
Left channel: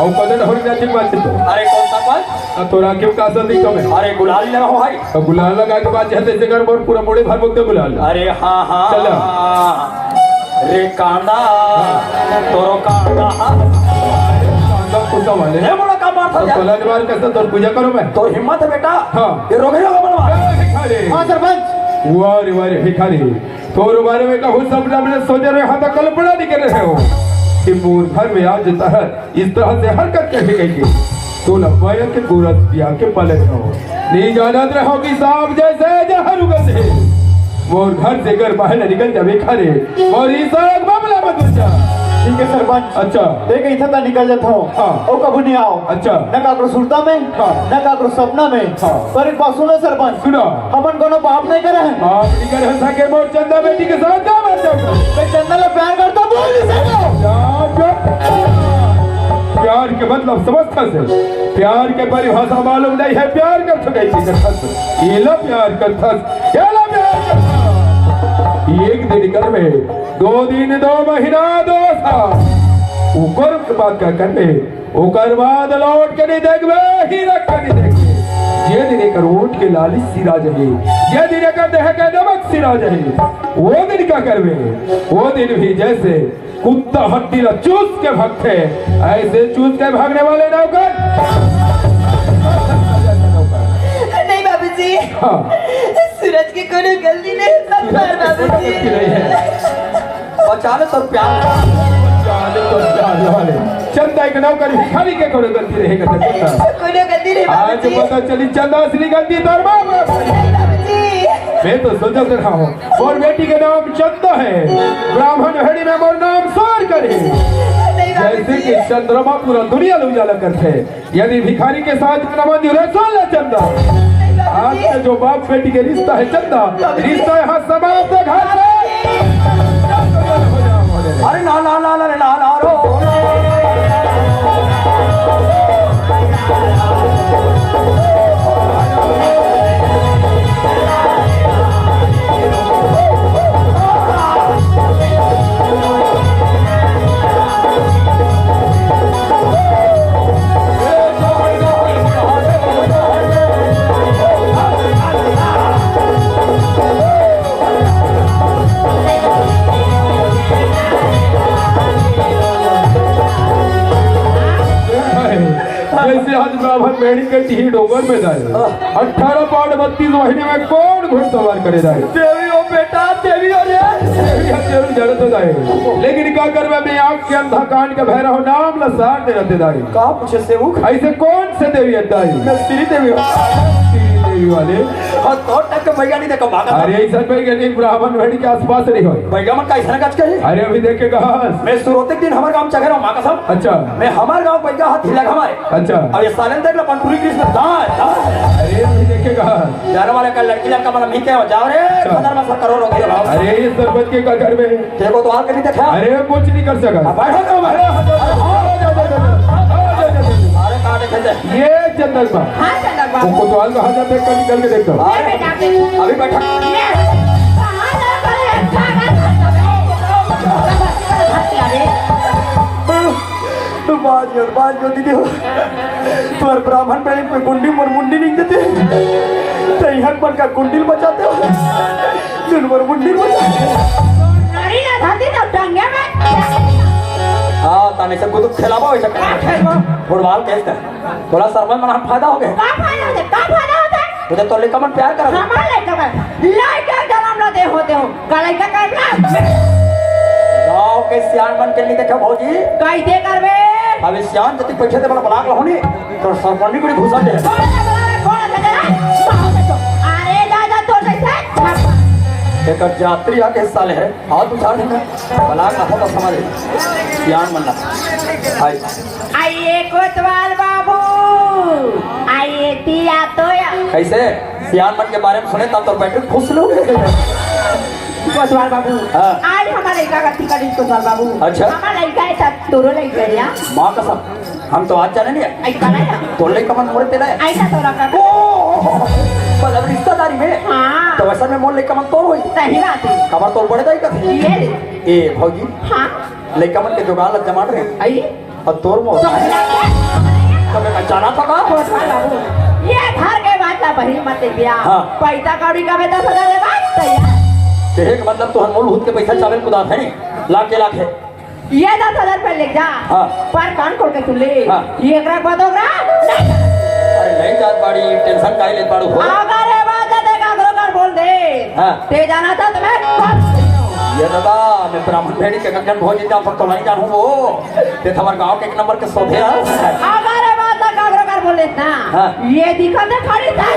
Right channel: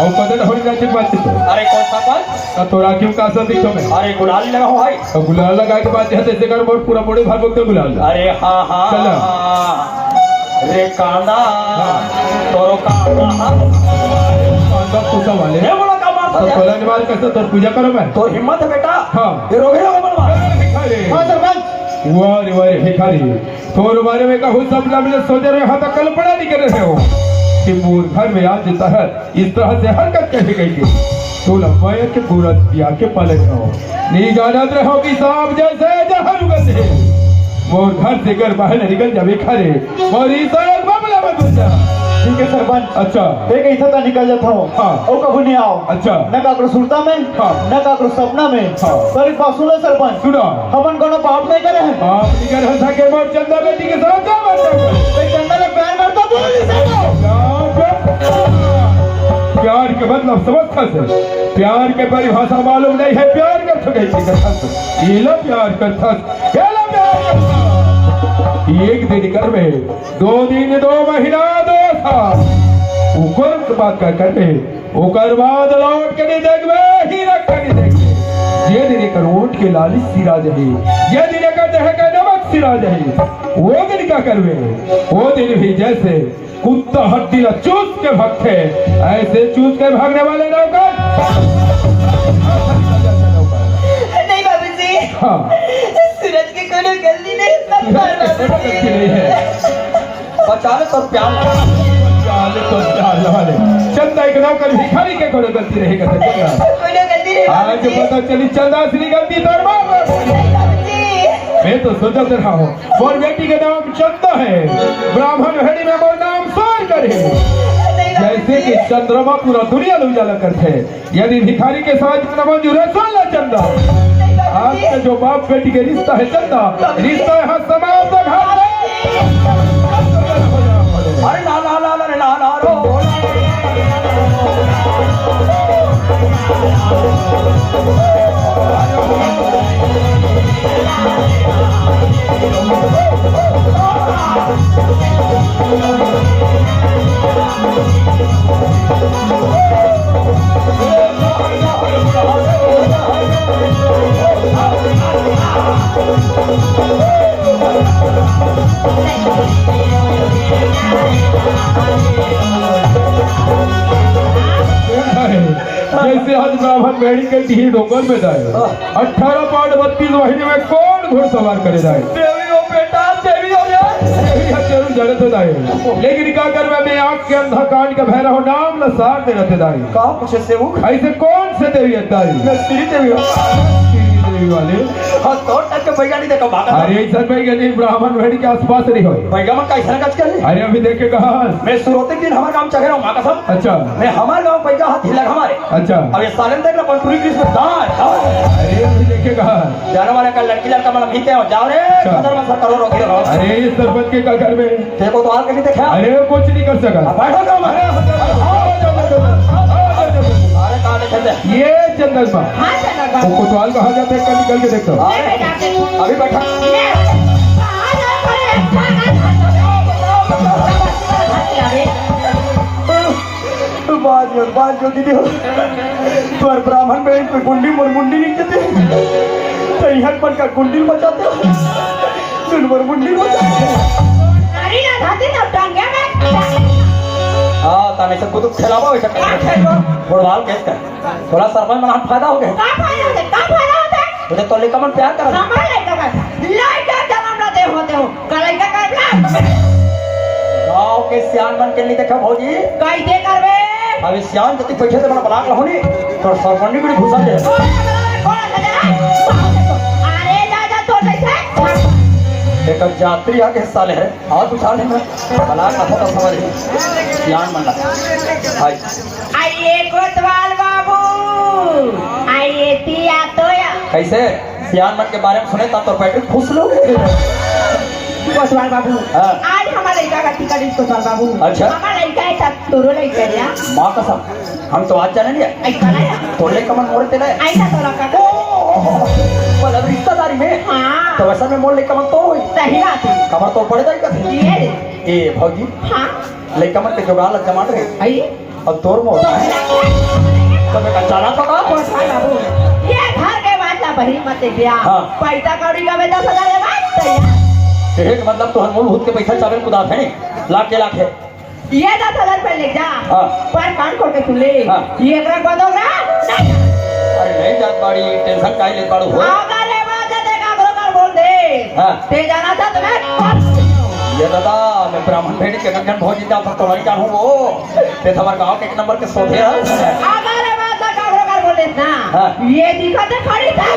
और कदर होने जाती बात तो अरे कौन सा पल तो राखियों का असर दिखो में अरे गुलाल ले रहो भाई और गुलाल लगा के बाद जैसे जैसे कर बहुत पूरा पूरे भर मुक्ते गुलाल अरे हाँ हाँ चलो। रे कांडा तोरो कांडा पूछा वाले ये बोला काम तो था बोला निवार कैसे तो पूजा करो मैं तो हिम्मत है बेटा हाँ। ये रोगे लोग बनवा हाँ सरपंच वारे वारे भिखारी तो बारे में कहूँ सब मैंने सोचा रहे हाँ तक कल्पना नहीं कर रहे हो कि मूल घर में आज तहत इस तरह से हरकत करके गई के तो लंबाई के पूरा दिया के पाले हो नहीं जानत रहो कि सांप जैसे जहर उगल है वो घर से घर बाहर निकल जा भिखारी और इस मामला मत बचा ठीक है सरपंच अच्छा एक ऐसा का निकल जाता हो हाँ। ओ कबू नहीं आओ अच्छा न काकरो सुरता में हाँ। न काकरो सपना में हाँ। पर एक बात सुनो सरपंच सुना अपन कोनो पाप नहीं करे हैं आप निकल हो सके मोर चंदा बेटी के साथ जा तो चंदा में प्यार करता बोल सको प्यार के मतलब समझता से प्यार के परिभाषा मालूम नहीं है प्यार कर चुके ये लो प्यार करता एक दिन कर में 2 दिन 2 महीना 2 साल ऊपर बात का कर में ओकर बाद लौट के नहीं देखबे ही रख के नहीं देखबे ये दिन एक रोट के लाली सिरा जहे ये दिन का दह के नमक सिरा जहे वो दिन का करवे वो दिन भी जैसे कुत्ता हड्डी चूस के भागते ऐसे चूस के भागने वाले नौकर नहीं बाबूजी, हाँ सूरज की कोनो गलती नहीं समझा बाबूजी। नहीं है बचा ले तो प्यार चाले तो चाल वाले चंदा एक नाम कर भिखारी के कोई गलती रहेगा तो चंदा कोनो गलती नहीं आज बाबूजी। पता चली चंदा असली गलती तो बाबूजी, मैं तो सोचता रहा हूँ और बेटी का नाम चंदा है, ब्राह्मण हेड़ी में वो नाम सार करे जैसे कि चंद्रमा पूरा दुनिया में उजाला करते हैं। यदि भिखारी के साथ में मंजूर है सुन ले चंदा, आज का जो बाप बेटी के रिश्ता है चंदा, रिश्ता यहाँ समाप्त घर अरे ला ला ला ला ला ला रो जैसे आज ब्राह्मण मेढ़ी के टीही डोंगर में जाए 18 पाठ 32 महीने में कौन घुड़सवार करे जाए देवी ओ बेटा देवी हो जड़ तो जाए लेकिन क्या कर मैं आंख के अंधा कान के भैरव नाम लसार दे रहते दाई कहाँ पूछे सेवक ऐसे कौन से देवी है दाई मैं श्री देवी हूँ। श्री देवी वाले हाँ तो टक के बैगा नहीं देखा भागा था। अरे सर भाई गली ब्राह्मण मेढ़ी के आसपास नहीं हो बैगा मन का ऐसा काज कर अरे अभी देखे कहा मैं शुरुआत दिन हमारे गांव चढ़े रहा हूँ माँ कसम। अच्छा मैं हमारे गांव बैगा हाथ हिला हमारे अच्छा अब ये सालन तक ना पंटूरी की इसमें दांत अरे अभी देखे कहा जाने वाला का लड़की लड़का मतलब मीते हो जाओ रे खतर में सर करो रोके रहो। अरे इस सरपंच के घर में देखो तो आप कहीं देखा अरे कुछ नहीं कर सका बैठो करो अरे कहाँ देखे थे ये चंदन बा हाँ चला वो कोतवाल कहाँ जाते हैं निकल के देखता हूँ मैं बेटा देखूं। अभी बैठा ये कहाँ जा करे बाज में दीदी हो पर ब्राह्मण में कोई गुंडी मर मुंडी नहीं देते तो यहाँ पर का गुंडी बचाते हो सुनवर मुंडी बचाते नारी ना धाती तो टंगे में हाँ ताने से कुछ खिलावा हो सकता है फुटबॉल कहता है थोड़ा सरमन में फायदा हो गया का फायदा होता है तुझे तो लेकर मन प्यार कर हमारे लेके बैठ लड़का जन्म न दे होते हो कले का कर गाँव के सियान मन के नहीं देखा भौजी कैसे करबे अब इस सियान जति बैठे थे बड़ा बलाक रहो नहीं तो सरमन बड़ी घुसा दे अरे दादा तो कैसे एक यात्री आके हिस्सा ले है हाथ उठा लेना बलाक हाथों का सवाल है सियान मन भाई आइए कोतवाल बाबू आइए तिया तोया कैसे सियान मन के बारे में सुने तब तो बैठे खुश लोग कोतवाल बाबू हाँ। आज हमारा लड़का का टिकट इसको कोतवाल बाबू अच्छा। हमारा लड़का है सब तोरो लड़का है यार माँ कसम हम तो आज जाने नहीं आई कला है तो ले कमन मोड़ तेरे ऐसा तो रखा बस अब रिश्तेदारी में हाँ तो वैसे में मोड़ ले कमन तोड़ हुई सही बात है कमर तोड़ पड़े जाएगा ये ए भौजी हाँ लड़का मन के जुगाड़ लग जमा रहे आइए अब तोड़ मोड़ तो तो मैं जाना पड़ा कोतवाल बाबू ये घर के बात ला भरी मत बिया हाँ। पैसा कौड़ी का बेटा सदा दे बात तैयार तेरे मतलब तो हनमोल भूत के पैसा चावल कुदा है लाख के लाख है ये 10,000 रुपए ले जा हाँ। पर कान खोल के सुन ले हाँ। ये एकरा गोदोगरा अरे नहीं जात बाड़ी टेंशन काहे ले पाड़ू हो अगर ये बात है देखा गोदोगर बोल दे हाँ। ते जाना था तुम्हें ये दादा मैं ब्राह्मण भेड़ी के गंगन भोज इतना पर तो नहीं जानूं वो ये हमारे गांव के एक नंबर के सोधे है अगर ये बात है गोदोगर बोले ना हाँ। ये दिखा दे खड़ी था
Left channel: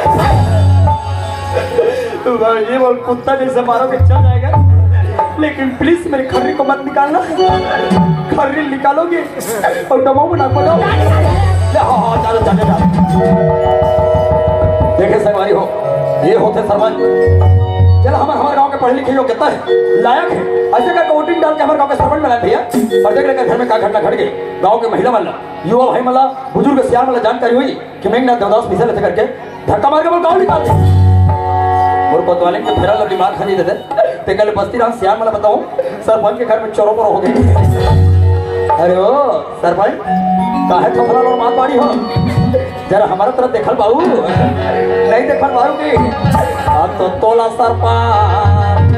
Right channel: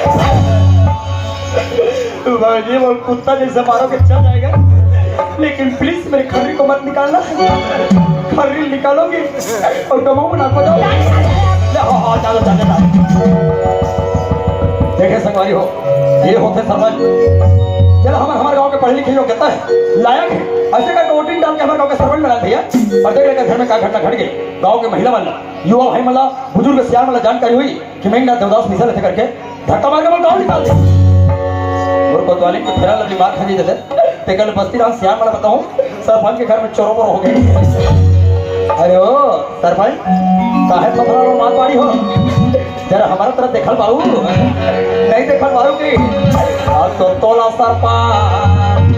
भाई वो कुत्ता जैसे मारोगे चल जाएगा लेकिन प्लीज मेरे खर्री को मत निकालना खर्री निकालोगे और डबो बना बताओ देखे संगवारी हो ये होते समझ चलो हमारे गांव के पढ़े लिखे लोग कहता है लायक है ऐसे का वोटिंग डाल के हमारे गांव के सरपंच में लाए भैया और देख लेकर घर में क्या घटना घट गई गांव के महिला वाला युवा भाई वाला बुजुर्ग सियार वाला जानकारी हुई कि मेघनाथ देवदास मिशन ऐसे करके धक्का मार के वो गाँव निकाल दे और कोतवाली के फेरा लगी मार खानी देते ते कल बस्ती राम सियार वाला बताऊं सरपंच के घर में चोरों पर हो गए अरे ओ सरपंच काहे खतरा और मार पाड़ी हो जरा हमारा तरफ देखल बाबू नहीं देखल बाबू की अब तो तोला सरपंच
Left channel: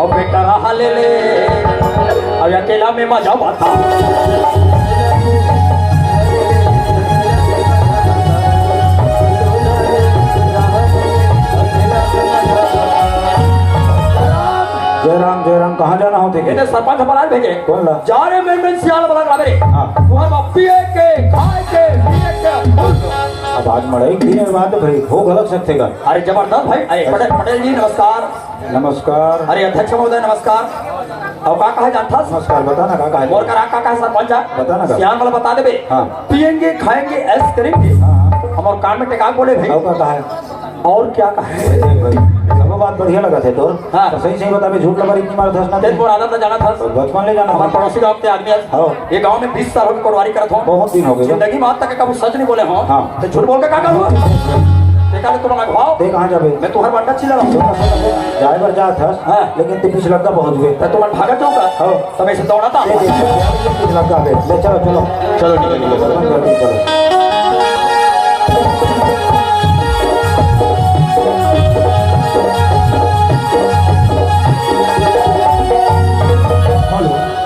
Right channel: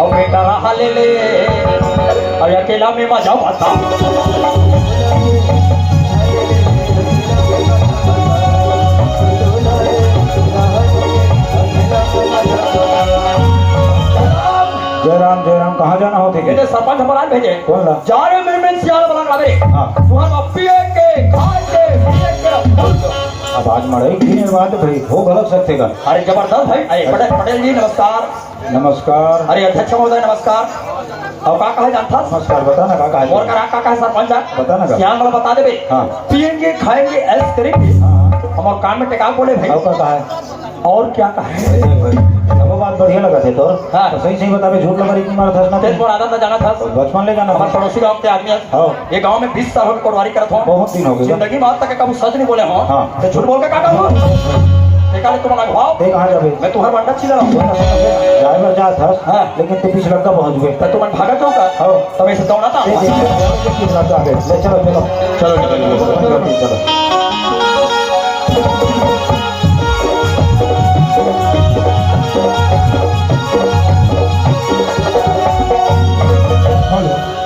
अब बेटा रहा ले ले और अकेला में मजा आता सरपंच हमारा भेजे कौन ला? जा रहे मेरे सियाल बना रहा मेरे हाँ। तुम्हारा बाप पिए के खाए के पिए के अब आज मड़ाई दिन में बात भाई हो गलत सकते का। अरे जबरदस्त भाई अरे पटेल जी नमस्कार नमस्कार। अरे अध्यक्ष महोदय नमस्कार और का कहा जानता नमस्कार बता ना काका और करा का कहा सरपंच बता ना का। सियाल वाला बता देबे हाँ। पिएंगे खाएंगे ऐश करेंगे हमारे कान में टेका बोले भाई और का है और क्या कहा है वो बात बढ़िया लगा थे तो हाँ। तो सही सही बता बे झूठ लगा इतनी मार धसना तेरे को आदत जाना था बचपन ले जाना हमारे पड़ोसी गांव के आदमी है हाँ। ये गांव में 20 साल हो गए पटवारी करत हो बहुत दिन हो गए जिंदगी में आज तक कभी सच नहीं बोले हो हाँ। तो झूठ बोल के का करूं देखा तुम लगवाओ ते कहां जाबे मैं तुम्हारा बंदा चिल्ला रहा हूं ड्राइवर जा था हाँ। लेकिन तू पिछला का पहुंच गए तो तुम भागत हो का हाँ। तब ऐसे दौड़ाता ये देखो पिछला का गए ले चलो चलो चलो चलो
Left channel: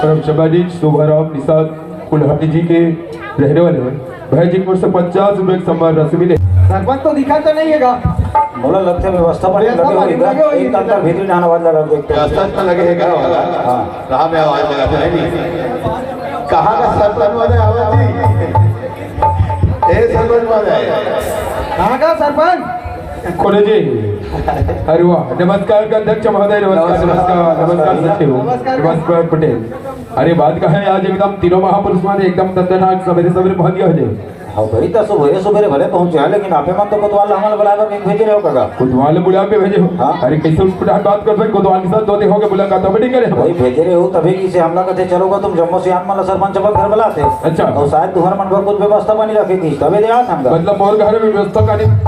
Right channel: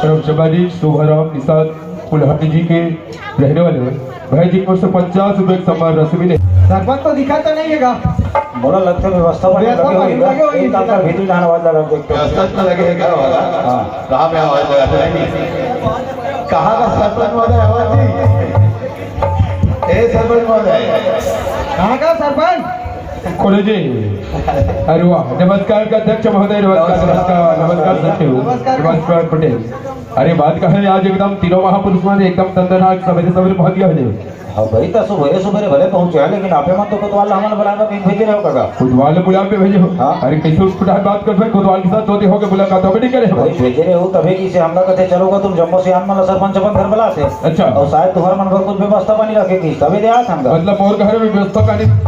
करमचबाजी शोभाराम निषाद कुल्हाड़ी जी के रहने वाले भाई जी को 50 रुपए सम्मान राशि मिले। सरपंच तो दिखा तो नहीं है बोलो लगते व्यवस्था पर व्यवस्था पर लगे लगे हुए एक अंदर भीतर जाना वाला लग देखते हैं व्यवस्था तो लगेगा हाँ। कहाँ में आवाज लगाते हैं नहीं कहाँ का सरपंच महोदय आवाज जी ए सरपंच महोदय कहाँ का सरपंच खोले जी अरे वाह नमस्कार का अध्यक्ष महोदय नमस्कार नमस्कार नमस्कार सचिव नमस्कार पटेल अरे बात का है आज एकदम तीनों महापुरुष ने एकदम दर्दनाक सवेरे सवेरे भाग्य हो हाँ भाई तो सुबह भले पहुंचे हैं लेकिन आपे मन तो कोतवाल हमारे बुलाकर नहीं भेजे रहो काका कोतवाल बुला पे भेजे हो हाँ। अरे कैसे उसको बात कर सकते कोतवाल के साथ दो होके मुलाकात तो नहीं करे भाई भेजे रहे हो तभी किसे हमला करते चलोगे तुम जम्मू से आन सरपंच अपन घर बुलाते अच्छा। और शायद तुम्हारे मन पर कुछ व्यवस्था बनी रखेगी तभी दे आता हमका मतलब और घर में व्यवस्था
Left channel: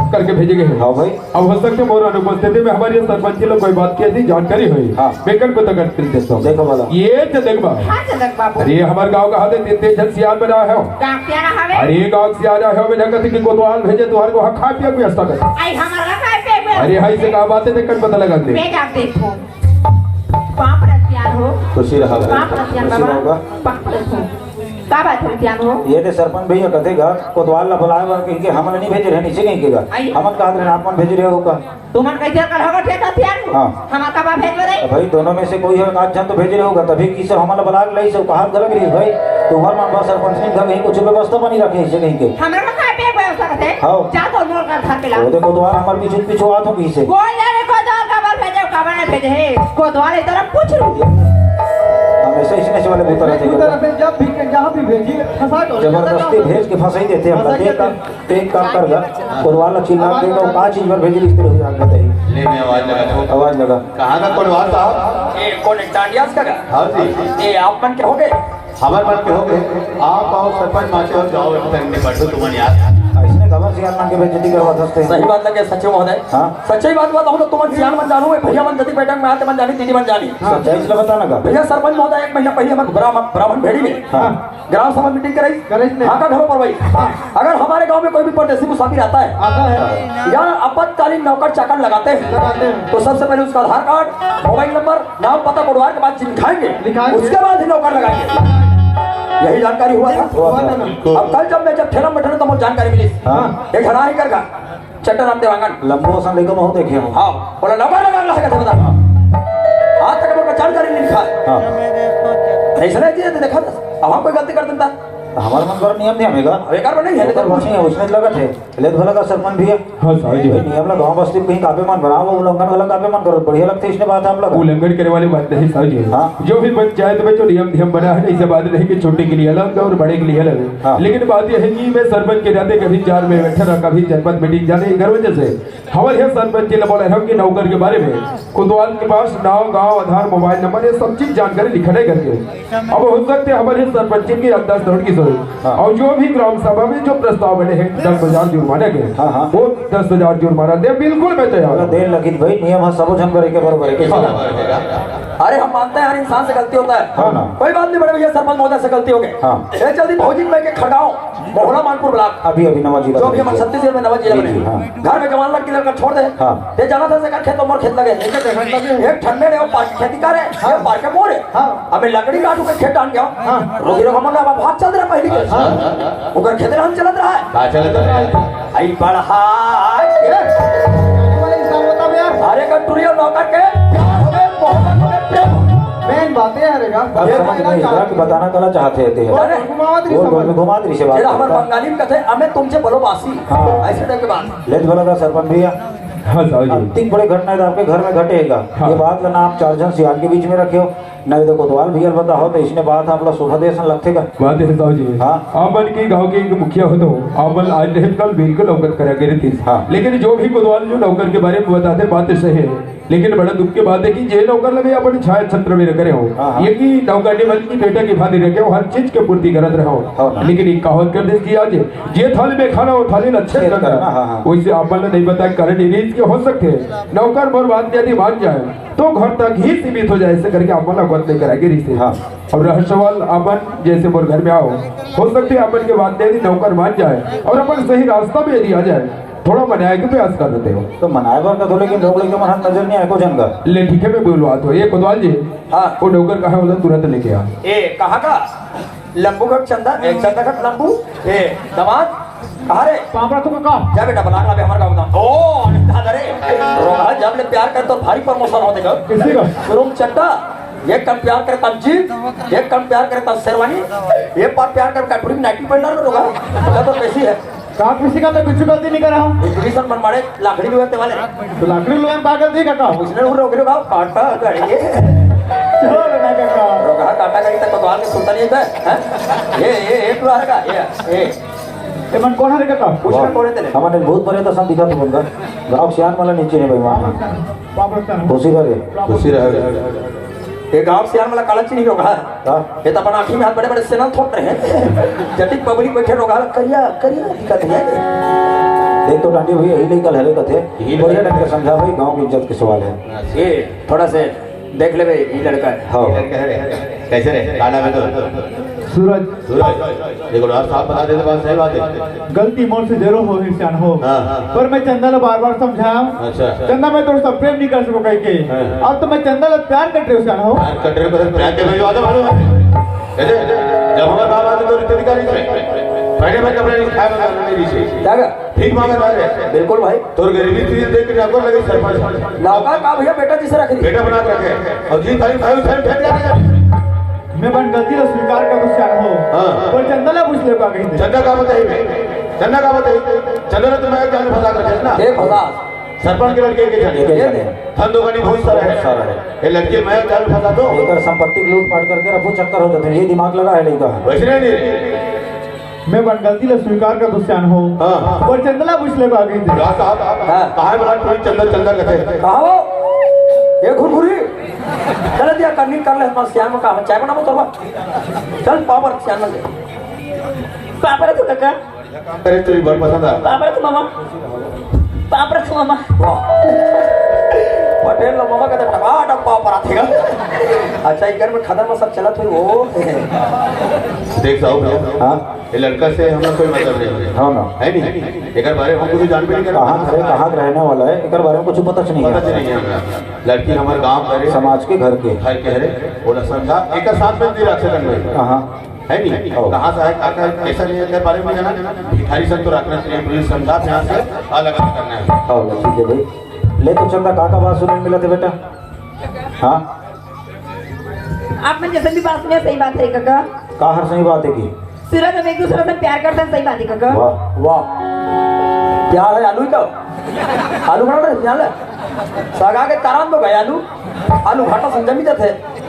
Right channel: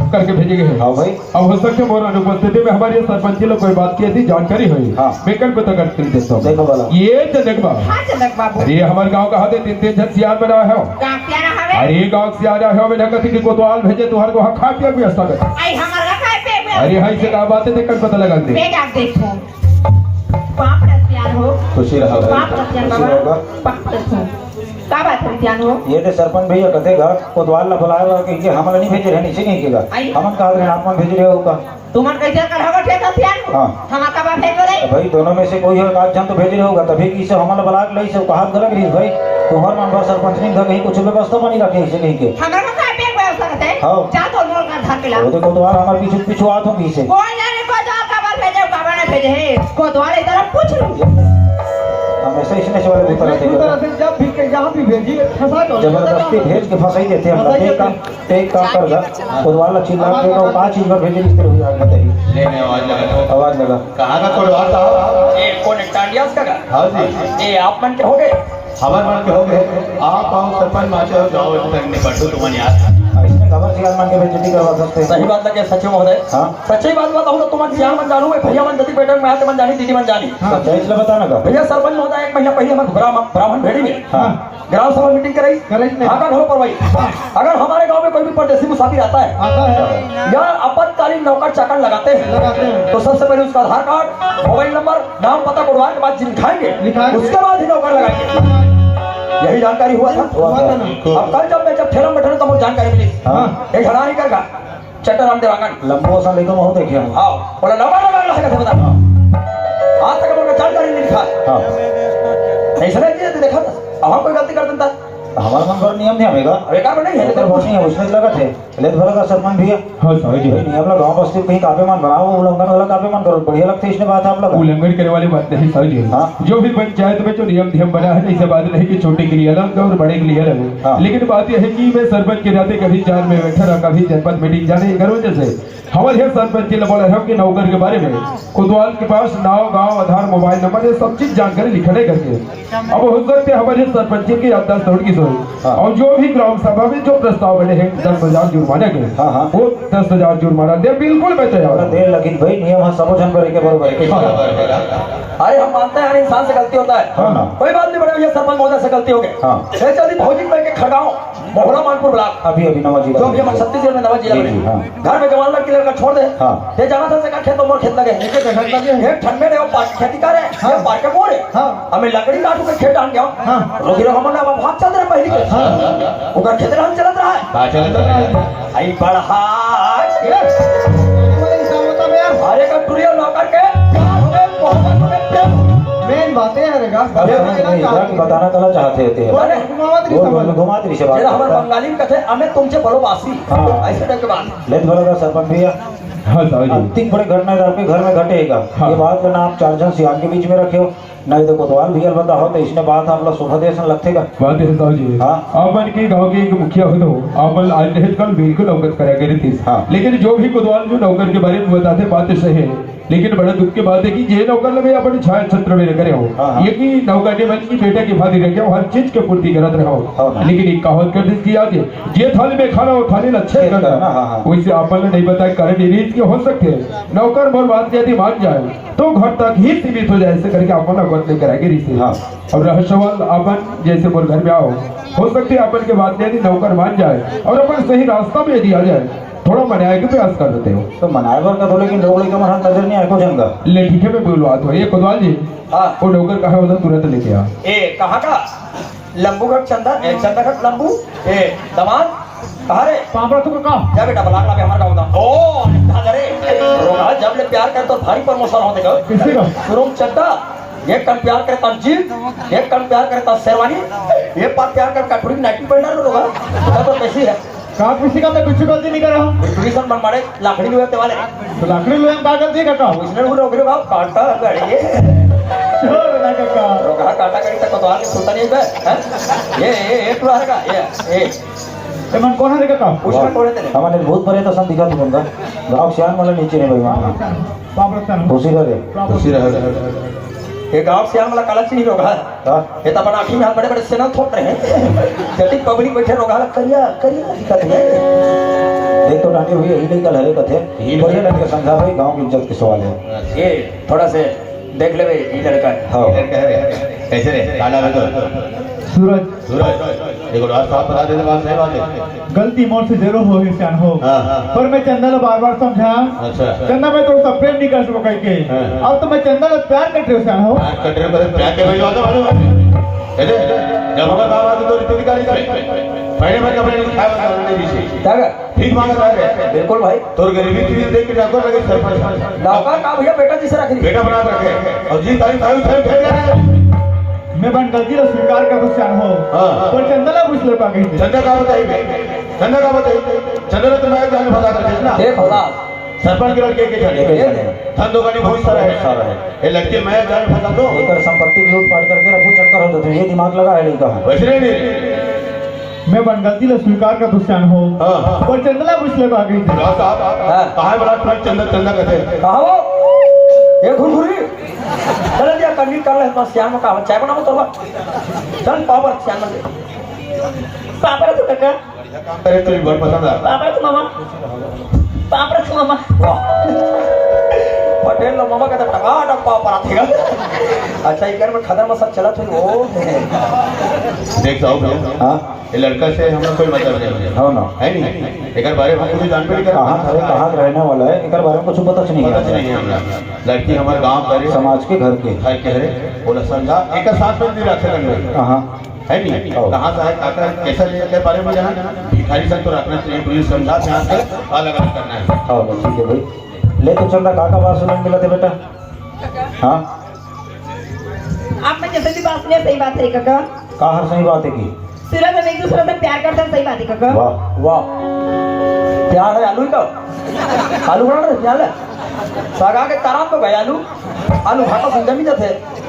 करके भेजे गए हो हाँ भाई अब हो सकते मोर अनुपस्थिति में हमारे सरपंच लोग कोई बात की थी जानकारी हुई हाँ। बेकन को तो करते देता देखो वाला ये चंदक बाबू हाँ चंदक बाबू अरे हमारे गांव का हाथे 3 जन सियार बना है गाँव क्या ना हवे अरे गांव सियार है में ढंग से कोतवाल भेजे तुहार को खा पिया की व्यवस्था कर आई हमारा काय पे में अरे हाई से का बात है कर पता लगा दे बेटा देखो पाप रत्यान हो खुशी रहा भाई पाप रत्यान खुशी बाबा रहोगा पाप रत्यान का बात रत्यान हो ये तो सरपंच भैया कहते घर कोतवाल ला बुलाएगा कि हम नहीं भेजे रहे नीचे नहीं केगा आई। हम कहा रहे आप भेज रहे हो का तुमन कैसे कर होगा ठीक रत्यान हो हाँ। हमारा का बात है बोले भाई दोनों में से कोई है आज हम तो भेज रहे होगा तभी किसे हमारा बुला लई से कहा गलत रही भाई तुम्हार मन बा सरपंच नहीं घर कुछ व्यवस्था बनी रखे इसे नहीं के हमारा का काय पे में होता है हाँ। जा तो मोर का धार के ला वो देखो तुम्हारा हमारे पीछे पीछे आत होगी इसे कोई नहीं को दो का बात भेजे का बना भेजे है को द्वारे तरफ पूछ लो हम ऐसे इसने से वाले भूत रहते इसी तरह से जब भी जहाँ भी भेजी फंसा दो जबरदस्ती भेज के फंसा ही देते हैं हम एक काम कर जा कोतवाल चिल्ला के वो कहाँ चीज पर भेजे इस तरह हो जाता है ले मैं आवाज लगा आवाज लगा कहाँ का कोटवाल साहब ये कौन टांडियास का हाँ जी ये आप मन के हो गए हमारे मन के हो गए आप आओ सरपंच माचे और जाओ तक निकट दो तुम्हारे यार इसने खबर सियाल मान के बेइज्जती करवा सकते सही हैं बात लगे सचिव महोदय हाँ। सच्ची बात बताऊं तो तुम्हारे सियाल मन जानू है भैया मन जति बैठे में आते मन जानी दीदी मन जानी सच्चाई इसलिए बताना का भैया सरपंच महोदय एक महीना पहले हम ब्राह्मण भेड़ी में हाँ। ग्राम सभा मीटिंग कराई हाँ का घरों पर वही अगर हमारे गांव में कोई भी परदेसी मुसाफिर आता है आता है या आपातकालीन नौकर चाकर लगाते हैं तो सबसे पहले उसका आधार कार्ड मोबाइल नंबर नाम पता कोडवार के बाद लिखाएंगे उसके बाद ही नौकर लगाएंगे यही जानकारी हुआ था अब कल जब ठेला बैठे तो मुझे जानकारी मिली हाँ। एक घड़ा नहीं कर चट्टा राम देवांगन लंबो सन लेकर बहुत देखे हम हाँ बोला लगा बता आज तक हमको जानकारी नहीं लिखा हाँ ऐसा नहीं किया देखा अब हम कोई गलती कर देता हमारा मन पर नियम नहीं हमेगा बेकार में नहीं है लेकिन कुछ नहीं उसने लगा थे ले भला का सरपंच भैया हाँ साहब जी नियम लोग गांव बस्ती कहीं काफी मन बनाओ वो लोग वाला काफी मन करो बढ़िया लगते इसने बात आप लोग उल्लंघन करने वाली बात नहीं साहब जी हाँ। जो भी पंचायत में जो नियम नियम बना है इसे बात नहीं कि छोटे के लिए अलग और बड़े के लिए अलग है हाँ। लेकिन बात यह है कि मैं सरपंच के नाते कभी चार में बैठा रहा कभी जनपद मीटिंग जाने घर वजह से हमारे है सरपंच के बोला है कि नौकर के बारे में कोतवाल के पास नाव गांव आधार मोबाइल नंबर ये सब चीज जानकारी लिखने करके अब हो सकते हमारे सरपंच की 10 करोड़ की सोई हाँ। और जो भी ग्राम सभा में जो प्रस्ताव बने हैं 10,000 जुर्माना के हाँ, हाँ। वो 10,000 जुर्माना दे बिल्कुल मैं तैयार हूं। देर लगी भाई नियम है सब जन करे के बराबर है अरे हम मानते हैं हर इंसान से गलती होता है हाँ ना। कोई बात नहीं बड़े भैया सरपंच महोदय से गलती हो गई हाँ। चल भौजी के खड़गांव मोहला मानपुर ब्लॉक अभी अभी नवा जिला जो भी हम छत्तीसगढ़ में नवा जिला जी, जी, में हाँ। घर में जवान लड़की लड़का छोड़ दे हाँ। ते जाना था से का खेत मोर खेत लगे एक ठंड में खेती करे ये पार के मोरे हमें लकड़ी काटू के खेत आन गया लोग रे हमने अब भाग चल रहा पहले के ओकर खेत हम चलत रहा है कहाँ चलता है आई बढ़ा अरे का टुरिया नौकर के प्यार हो गए मोहब्बत हो गए प्यार मेन बातें है रेगा अरे हम नहीं इधर की बताना कला चाहते थे वो घुमा दृश्य ये बात हमारे बंगाली में कहते हैं हमें तुमसे बलोबासी ऐसे टाइप के बात लेट बोलेगा सरपंच भैया हाँ साहब जी तीन बड़े घटना तो आपके घर में घटेगा हाँ। ये बात करना आप चार जन सियान के बीच में रखे हो नहीं तो कोतवाल भैया बंदा हो तो इसने बात आप लोग सुबह देशन लगतेगा बात है साहब जी हाँ। आपन की गांव की एक मुखिया हो तो आपन आज नहीं कल बिल्कुल अवगत करा गई थी हाँ। लेकिन जो भी कोतवाल जो नौकर के बारे में बताते बातें सही है लेकिन बड़े दुख की बात है कि जे नौकर लगे अपने छाया छत्र में करे हो हाँ। ये कि नौकर के बल की बेटा की भांति रखे हो हर चीज के पूर्ति करत रहो हाँ। लेकिन एक कहावत कर दी आज जे थाली में खाना वो थाली अच्छे ठीक करता है, हाँ, हाँ। वैसे आपन ने नहीं बताया कारण ये इसके हो सकते हैं नौकर मोर बात यदि मान जाए तो घर तक ही सीमित हो जाए ऐसे करके अपन नौकर नहीं कराएंगे रिश्ते हाँ। और रह सवाल अपन जैसे मोर घर में आओ हो सकते है अपन के बात यदि नौकर मान जाए और अपन सही रास्ता में यदि आ जाए थोड़ा मनाए के प्रयास कर देते हो तो मनाएगा उनका तो लेकिन लोग लेके मन नजर नहीं आएगा जंगा ले ठीक है मैं बोल बात हो ये कोतवाल जी हाँ। वो नौकर कहा उधर तुरंत लेके आ ए कहाँ का लंबूगढ़ चंदन एक चंदनगढ़ लंबू ए दमाद कहाँ रे पापा तुम का जा बेटा बना ला हमारा गाँव का ओ कहाँ रे रोहा जब ले प्यार कर तो भाई प्रमोशन होते का किसी का गुरुम चट्टा एक कन प्यार करता जीत एक कन प्यार करता शेरवानी एक बार प्यार करता पूरी नाइटी पहना रोगा तो कैसी है का किसी का मैं कुछ गलती नहीं कर रहा हूँ डिवीजन बन बड़े लाकड़ी में वाले तो आखिर में हम का गलती करता हूँ उसने वो रोक रहा काटा गाड़ी रोगा काटा गाड़ी तक बाहर सुनता नहीं बे ये तू आ रहा ये तो मैं कौन है करता हूँ उसने कोड़े तेरे हमारे बहुत बड़े तो सब दिखा दूंगा गाँव सियान वाला नीचे है भगवान पापा करता हूँ खुशी रहे खुशी रहे ये गांव से हम काला चीनी रोगा हाँ। ये तो अपना आँखी में हाथ बड़े बड़े सेना थोप रहे हैं जटिक पब्लिक बैठे रोगा करिया करिया दिक्कत है देख तो डांटे भैया ही नहीं कल हरे कथे बढ़िया ढंग से समझा भाई गाँव की इज्जत के सवाल है ये थोड़ा से देख ले भाई ये लड़का है हाँ कैसे रे काला में तो सूरज सूरज एक बार साफ बता दे तो बात सही बात है गलती मोर से जरूर हो गई सियान हो हाँ, हाँ। पर मैं चंदा को बार बार समझाया अच्छा चंदा मैं तो सब प्रेम नहीं कर सको कह के हाँ। अब तो मैं चंदा को प्यार कर रही हूँ सियान हो कटरे पर प्यार के वीडियो आते मालूम है जब हमारा बाबा आते तो रिपेयर कर पहले मैं कपड़े नहीं खाया मेरी से क्या गा? ठीक मांगा था बिल्कुल भाई तो गरीबी चीज देख के आपको लगे सरपंच नौकर का भैया बेटा जिसे रख दी बेटा बना के रखे और जी तारीफ तारीफ से फेंक जाना मैं बन गलती को स्वीकार कर दूं सियान हो हाँ। पर चंदा ना पूछ ले पा कहीं चंदा का बताइए चंदा का बताइए चंदा तो मैं जान फंसा कर देना देख होगा सरपंच के लड़के के चले धन दो बहुत सारा है ये लड़के मैं जान फंसा दो एक संपत्ति लूट पाट करके रफू चक्कर होते थे ये दिमाग लगा है लड़का वैसे नहीं मैं बन गलती को स्वीकार कर दूं सियान हो हाँ। और चंदा ना पूछ ले पा कहीं कहाँ बड़ा कोई चंदा चंदा कहते कहाँ हो ये घुरघुरी चल दिया करनी कर ले हम श्याम का चाय बना तो चल पापा श्याम ले पापा तो काका काम करे तो बहुत पसंद है पापा तो मामा पापा तो मामा पटेल लो मामा का टका पापा थेगा अच्छा इधर में खदर में सब चला थे वो देख साहब भैया हाँ ये लड़का से हमें कोई मतलब नहीं हाँ ना है नहीं एक बारे में हमको तो जानकारी कर कहाँ खड़े कहाँ रहने वाला है एक बारे में कुछ पता नहीं पता है नहीं है हमरा लड़की हमारे गांव करे समाज के घर के भाई कह रहे बोला समझा एक साथ में भी रख सकते हाँ है नहीं कहाँ से है काका कैसा नहीं के बारे में जाना भिखारी संग को रखना चाहिए पुलिस समझा यहाँ से अलग अलग करना है हाँ ठीक है भाई ले तो चंदा काका बात सुनने मिला था बेटा हाँ आपने जैसे भी बात सुनी सही बात है काका कहा हर सही बात है की सूरज हम एक दूसरे से प्यार करते हैं सही बात है काका वाह वाह प्यार है आलू का आलू बना रहे प्यार है सगा के तारात में गए आलू आलू घाटा संग में जाते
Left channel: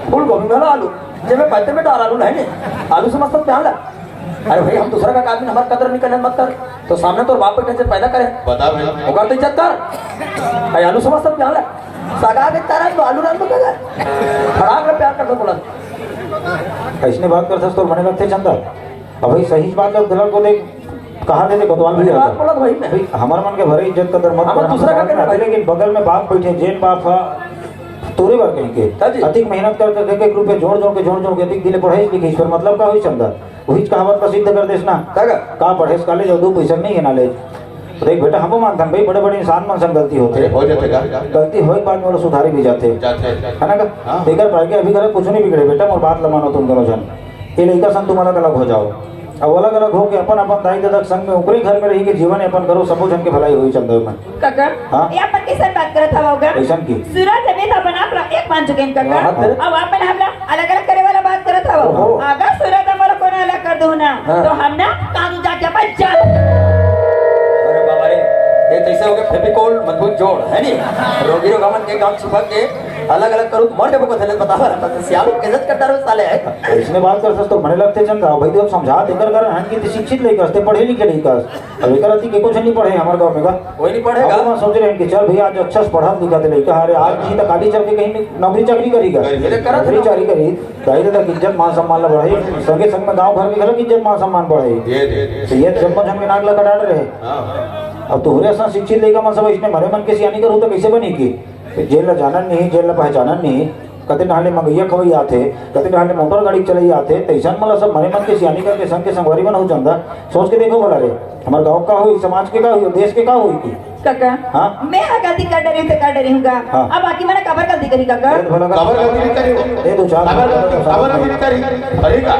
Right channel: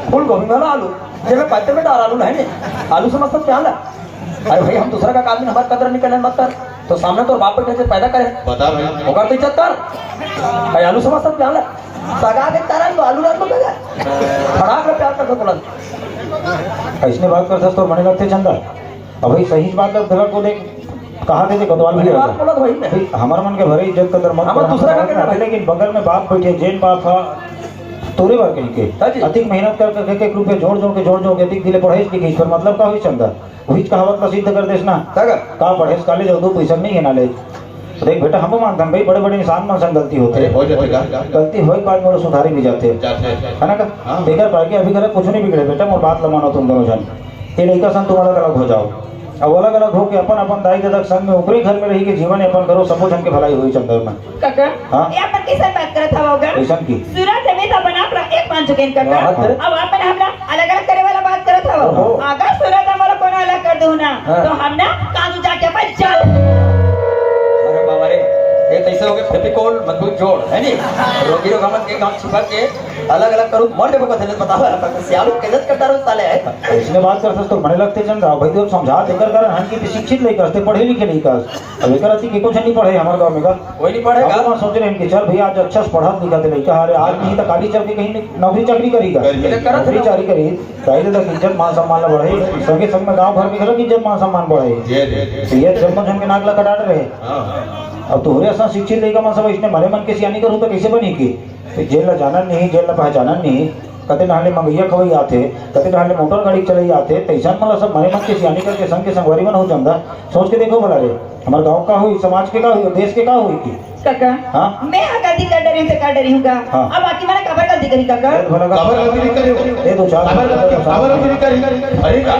फूल गोभी में आलू जब पत्ते में डाल आलू नहीं आलू से मतलब प्यार है अरे भाई हम दूसरा का काम हमारा कदर नहीं करना मत कर तो सामने तो बाप को कैसे पैदा करे बता भाई होगा तो इज्जत कर भाई आलू से मतलब प्यार है सगा के तारात में आलू डाल दो खड़ा कर प्यार कर दो बोला ऐसने बात करते तो मने लगते चंदा अब भाई सही बात है गलत को देख कहा थे कोतवाल भी बात बोला तो भाई भाई हमारे मन के भरे इज्जत कदर मत हम दूसरा का करना भाई। लेकिन बगल में बाप बैठे जेन बाप था तोरे बार कहीं के अधिक मेहनत कर करके एक रुपये जोड़ के अधिक दिले पढ़ाई लिखी पर मतलब का हुई चंदा वही कहावत प्रसिद्ध कर देश ना का पढ़े कॉलेज और दो पैसा नहीं है नॉलेज तो देख बेटा हम मानते हैं भाई बड़े बड़े इंसान मन से गलती होते हो जाते गलती हो बाद में सुधारी भी जाते है ना देखकर पाएंगे अभी कर कुछ नहीं बिगड़े बेटा मैं बात लमानो तुम दोनों जन ये लड़का संग तुम्हारा अलग हो जाओ अब अलग अलग हो के अपन अपन दाई दादा के संग में ऊपरी घर में रही के जीवन यापन करो, सब जन के भलाई हुई चल रही मन। काका हाँ? ये अपन किसान बात करत हवा होगा ऐसन की सूरज अमित अपन आपला एक मान चुके हैं काका। हाँ, हाँ। अब अपन हमला अलग अलग करे वाला बात करत हवा। ओहो। अगर सूरज हमारा कोनो अलग कर दो ना हाँ। तो हम ना कानून जाके अपन चल। अरे बाबा रे, ये कैसे हो गया फेविकोल मजबूत जोड़ है नी रोगी रोग हमन के गांव छिपा के अलग अलग करू मर जब पता नहीं बतावा सियालो केजत कट्टा रो साले है इसने बात करते तो बड़े लगते चंद गाँव भाई तो समझा देकर कारण हम की शिक्षित नहीं करते, पढ़े लिखे नहीं कर। अब एक राती के कुछ नहीं पढ़े हमारे गांव में का कोई नहीं पढ़ेगा। अब हम सोच रहे हैं कि चल भैया आज अच्छा से पढ़ा लिखा दे लड़का, अरे आज नहीं तो काली चल के कहीं नौकरी चाकरी करेगा, नौकरी चाकरी करी दाई दादा की इज्जत मान सम्मान ला बढ़े, संगे संग में गाँव भर में घर इज्जत मान सम्मान बढ़े। तो ये जब हम नागला कटा रहे अब तो ऐसा शिक्षित लेगा मैं सब इसने भले मन के सियानी करूँ तो कैसे बनी की जेल ला जाना नहीं, जेल ला पहचाना नहीं, कते नहाले मंगैया खवई आते, कते नहाले मोटर गाड़ी चलाई आते, तैसा मतलब सब भले मन के सियानी करके संग के संगवारी बन हो जाता। सोच के देखो भला रे हमारे गाँव का हुई, समाज के का हुई, देश के का हुई की काका हाँ? मैं हाँ गलती कर डरी तो कर डरी हूँगा। हाँ। अब बाकी मैंने कबर गलती करी काका। खबर गलती नहीं करी, दे दो चार खबर गलती नहीं करी भाई का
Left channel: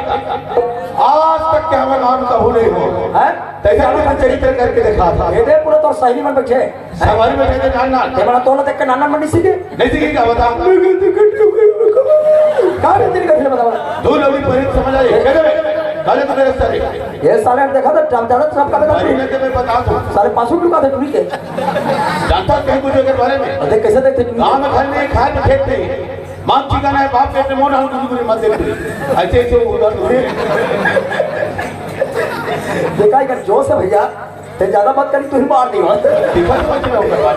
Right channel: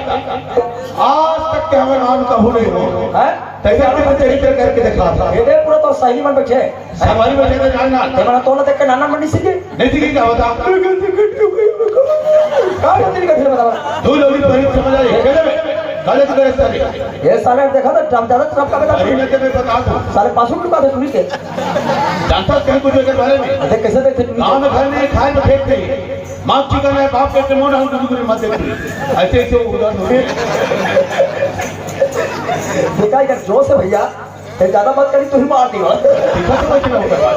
आज तक के हमें नाम कहू नहीं हो हैं तैसे अपने चरित्र करके दिखा था। ये दे पूरा तो सही में बैठे हमारी बच्चे ने जानना ये बड़ा तो ना देख के नाना मंडी सीधे नहीं सीखी क्या होता का गलती करते बताओ। धूल अभी पहले समझ आई साले तो तेरे सारे ये साले देखा था जब ज्यादा सब का भाई बेटा मैं बता दूं सारे पासों टुका थे टूरी के जानता कहीं कुछ के बारे में अरे कैसे देखते टूरी गांव में घर नहीं खाए में फेंकते मां चिकन है बाप कहते मोना हूं तुझे मत देते ऐसे ऐसे उधर हुए देखा कर जोश है भैया ते ज्यादा बात करी तू ही मार दी बात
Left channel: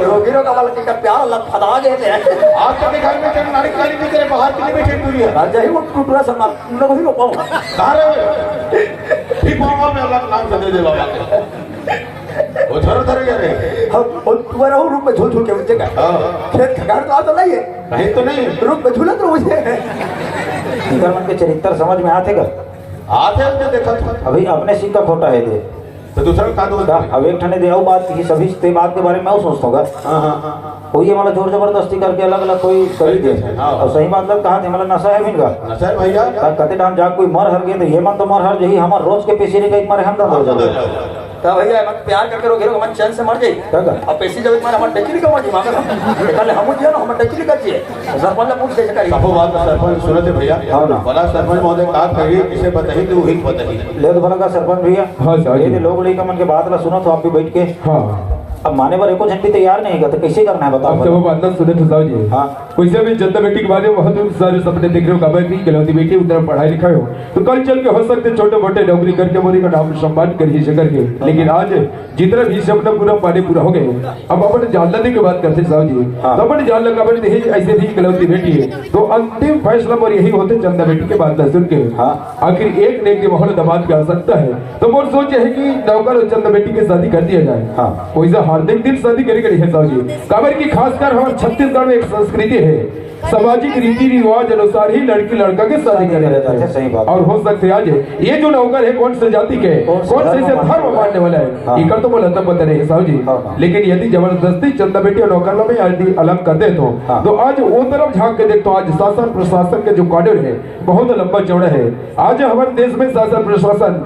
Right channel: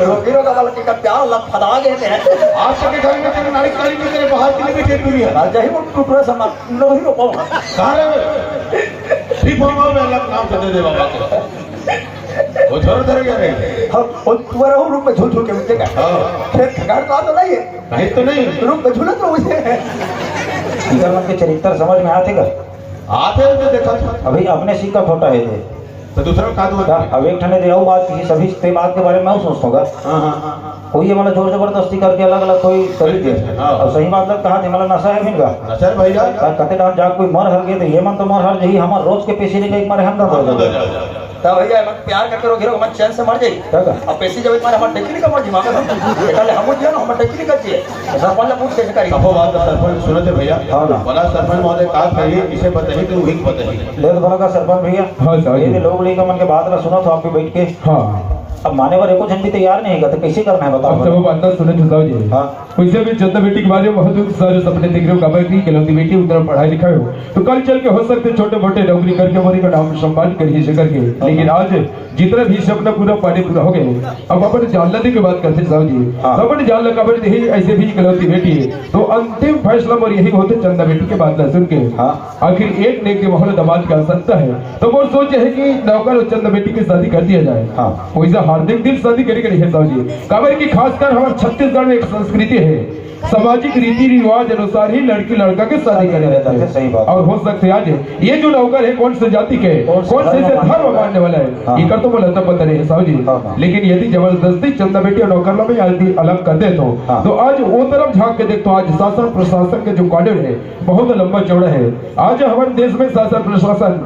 रोगी रोग वाला का प्यार लग फदा गए तेरे आज तक के घर में कभी नारी कारी नहीं करे बाहर के लिए बैठे दूरी है आज ही वो टूटरा समा न ही रो पाऊंगा कहां रहे ठीक मामा में अल्लाह का नाम चले दे बाबा के वो छोड़ तरह जा रहे और तुम्हारा वो रूप में झूठ झूठ के नीचे का खेत घर का तो नहीं है नहीं तो नहीं रूप में झूलत रहो मुझे इधर उनके चरित्र समझ में आते कर आते हैं जो देखा था अभी अपने सीधा खोटा है दे तो दूसरा का दूं अब एक ठने दे बात की सभी ते बात के बारे में मैं सोचता हूँ हां हां कोई ये मतलब जोर जबरदस्ती करके अलग अलग कोई कर दे और सही बात लग कहा मतलब नशा है इनका अच्छा है भैया कहते नाम जा कोई मर हर गए तो ये मन तो मर हर यही हमारे रोज के पैसे नहीं मर हम तो क्या भैया हम प्यार करके रोगी रोग हम चैन से मर जाई क्या अब पैसे जब हमारे हम डेली का मर दिमाग पहले हम जो ना हम डेली करती है सरपंच पूछ के करी सबो बात को सरपंच सुनो थे भैया हाँ ना। बड़ा सरपंच महोदय कहा कहिए इसे बताइए तो वही बताइए ले भर का सरपंच भैया हाँ, साहब। ये लोग लेकर मन के बात ला सुनो तो आप भी बैठ के हाँ अब माने वाले को झंडी तैयार नहीं है तो कैसे करना है अब जब बताओ वो अंदर सुने तो साहब जी हाँ। वैसे भी जनता बेटी के बारे में बहुत सारे सपने देख रहे हो कबर की गलती बेटी उधर पढ़ाई लिखाई हो तो कल चल के हो सकते छोटे मोटे नौकरी करके मोरी का नाम सम्मान करिए से करके लेकिन आज जितना भी सपना पूरा पानी पूरा हो गए अब अपन जानने की बात करते साहब जी हाँ। तो अपन जान लगा बड़ी नहीं ऐसे भी गलती बेटी है तो अंतिम फैसला और यही होते चंदा बेटी के बात सुन के हाँ। आखिर एक ने माहौल दबाव की आवश्यकता है तो मोर सोच है कि नौकर और चंदा बेटी की शादी कर दिया जाए हाँ। वैसे हार्दिक दिल शादी करी है साहब जी काबर की खासकर हमारे छत्तीसगढ़ में एक संस्कृति है सामाजिक रीति रिवाज अनुसार ही लड़की लड़का के शादी करे रहता है सही बात। और हो सकते आज ये जो नौकर है कौन से जाति के कौन से धर्म मानने वाला है हाँ। ये तो बोला तब पता नहीं साहब जी हाँ। लेकिन यदि जबरदस्ती चंदा बेटी और नौकर में यदि अलग कर दे हाँ। तो आज वो तरफ झांक के देखो आज शासन प्रशासन के जो कानून है बहुत लंबा चौड़ा है आज हमारे देश में शासन प्रशासन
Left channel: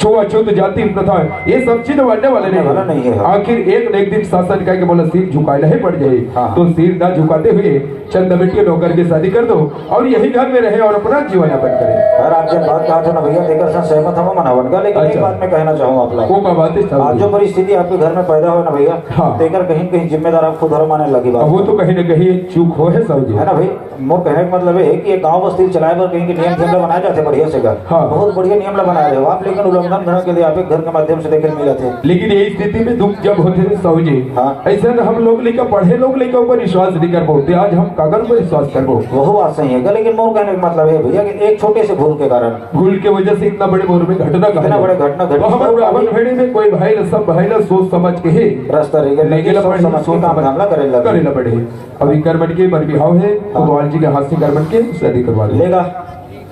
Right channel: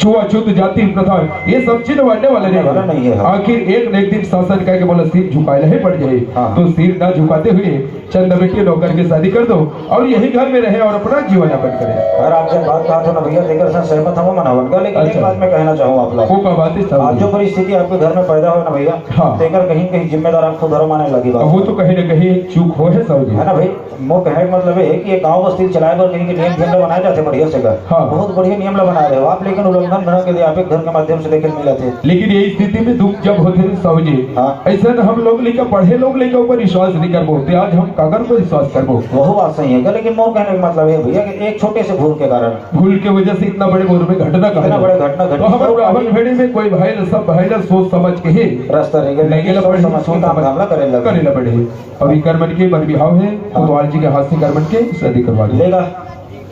छुआछूत जाति प्रथा ये सब चीज बढ़ने वाले नहीं है। आखिर एक न एक दिन शासन का बोला सिर झुकाना ही पड़ जाए हाँ। तो सिर ना झुकाते हुए चंदा बेटी नौकर की शादी कर दो और यही घर में रहे और अपना जीवन यापन करे यार आप जब बात कहा तो ना भैया देखकर साथ सहमत हम मनावन का लेकिन एक अच्छा। बात मैं कहना चाहूँ आप लोग को का बात है आज साहब जो परिस्थिति आपके घर में पैदा हो ना भैया हाँ। देखकर कहीं कहीं जिम्मेदार आपको धर्म आने लगी अब बात वो तो कहीं न कहीं चूक हो है साहब जी है ना भाई वो कहने का मतलब है कि ये गांव बस्ती चलाए पर कहीं के नियम नियम बनाए जाते बढ़िया से घर हाँ। बहुत बढ़िया नियम बना रहे हो आप लेकिन उल्लंघन करने के लिए आप एक घर के माध्यम से देखने मिले थे लेकिन ये स्थिति में दुख जब होते हैं साहब जी हाँ। ऐसा हम लोग लेकर पढ़े लोग लेकर ऊपर विश्वास नहीं कर पाते आज हम कागज पर विश्वास कर पाते वह बात सही है लेकिन मोर कहने का मतलब है भैया कि एक छोटे से भूल के कारण भूल के वजह से इतना बड़े मोर में घटना इतना बड़े घटना घटी। तो हमारे रावण भेड़ी में कोई भाई न सब भाई न सोच समझ के ही रास्ता रह गया नहीं सोच समझ के काम धाम करे लगे करेला पड़े और ये करमन के बर बिहाव है भगवान जी के हाथ से करमन के शादी करवा ले लेगा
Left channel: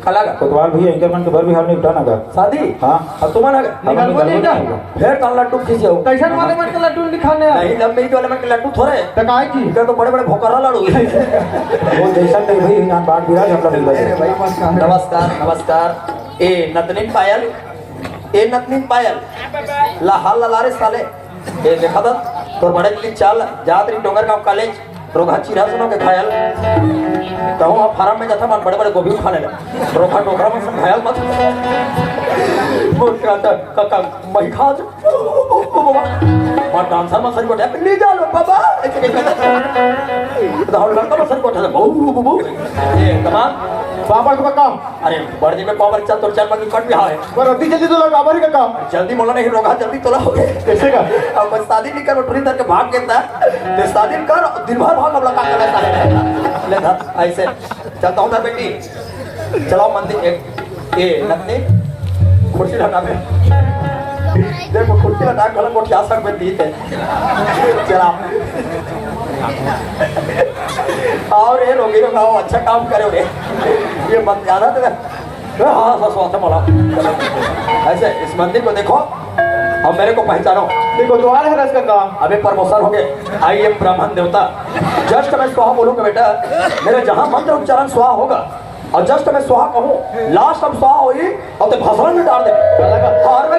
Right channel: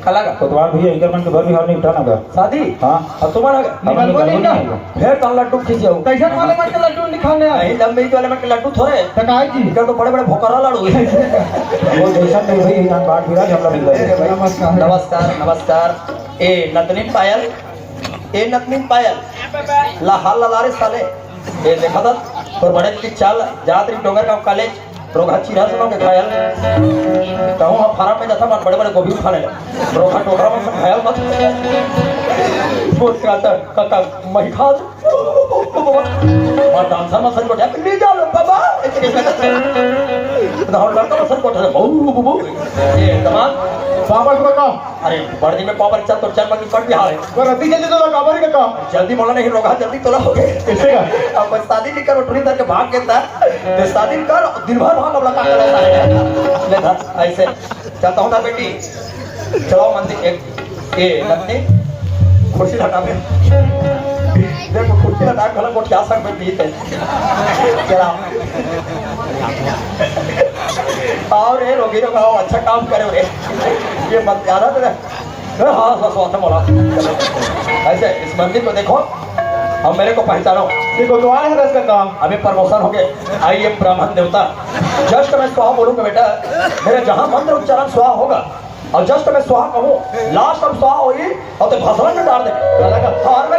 खलागा कोतवाल भैया इधर मन के भर बिहार में उठाना का शादी हाँ अब तुम्हारा निकाल देगा फिर कल लड्डू खींचे हो कैसन वाले मत लड्डू निकालने नहीं लंबे वाले में लड्डू थोड़े तकाई जी इधर तो बड़े बड़े भोकरा लाड़ू वो जैसा नहीं भाई हम बात बिराज हमला मिल रहा है नमस्कार नमस्कार ए नतनी पायल ए नतनी पायल ला हाल ला लारे साले ए देखा था तो बड़े की चाल जात्री डोंगर गांव कॉलेज रोगा चिरा सुनो के घायल कहूँ हम फार्म में जाता मन बड़े बड़े गोभी उठा ले रोगा टोकरा में सब घायल मत वो कहता काका मैं खा और डांसर मसन को डाक ले जा लो बाबा तो हम लड़का मसन को उठा ले बहु ये तमाम पापा को का अरे बड़दी में पावर चल तो चल पर कट भी हारे वो रत्ती जल्दी तो लगा बारी का जल्दी मोला नहीं रोगा जल्दी तो हो गए कैसे का अब बस शादी नहीं करो टुरी तक के भाग के तो शादी कर दिन भर भाग अब लगा कर ले था ऐसे चलता हूं ना बेटी चलो मंदिर एक ए लगने कुर्सी लगा में देखो कुर्सी लगा घर को क्या सक में दी है चला और ये लोग अच्छा काम करे रे ये मत ज्यादा तेरा हाँ हाँ बोला ऐसे इस मंदिर को देखो अब मेरे को पहचानो देखो दोबारा हरस करता हूं अभी प्रमोशन हो गए आइए ब्राह्मण देवता जस्ट मैं स्वाहा बोलूंगा बेटा मेरे जहां मंत्र उच्चारण स्वाहा होगा और जस्ट मैं स्वाहा कहूँ लास्ट अब स्वाहा होगी और तो भसवन में डाल दे हार में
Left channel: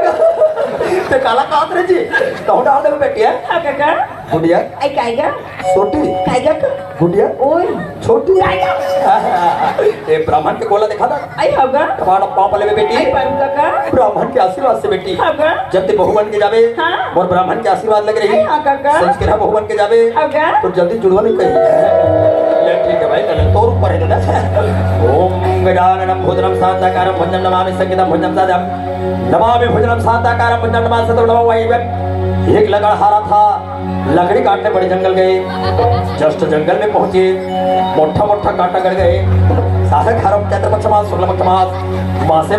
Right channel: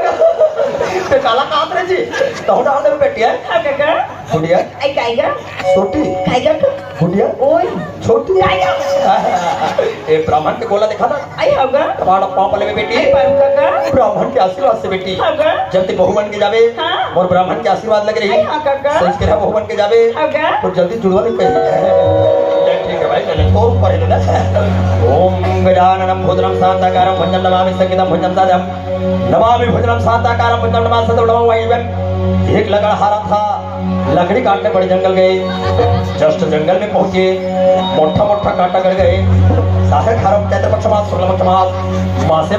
ते काला काम रे जी तो डाल दे बेटी है काका गुड़िया आई काईगा छोटी काईगा गुड़िया ओए छोटी काईगा ये ब्राह्मण के गोला दिखा ना आई होगा तुम्हारा पाँव पले बेटी आई पाऊ काका ब्राह्मण के आशीर्वाद से बेटी होगा जब ते बहुवन के जावे हाँ। और ब्राह्मण के आशीर्वाद लग रही हाँ, काका। संस्कृत बहुवन के जावे होगा तो जल्दी जुड़वा नहीं कहीं ठीक है भाई कहीं तो ऊपर है ना ओम गजाननम भूतरम शांताकारम भंजन नमामि संगीतम भंजन साधम नमामि भूतरम शांताकारम भंजन नमामि सतो नमो वाहिवम एक लकड़हारा था लकड़ी काटने बड़े जंगल गए जस्ट जंगल में पहुंचे मोटा मोटा कांटा कर गए साहे खारम चैत्र पक्ष मास शुक्ल पक्ष मास मासे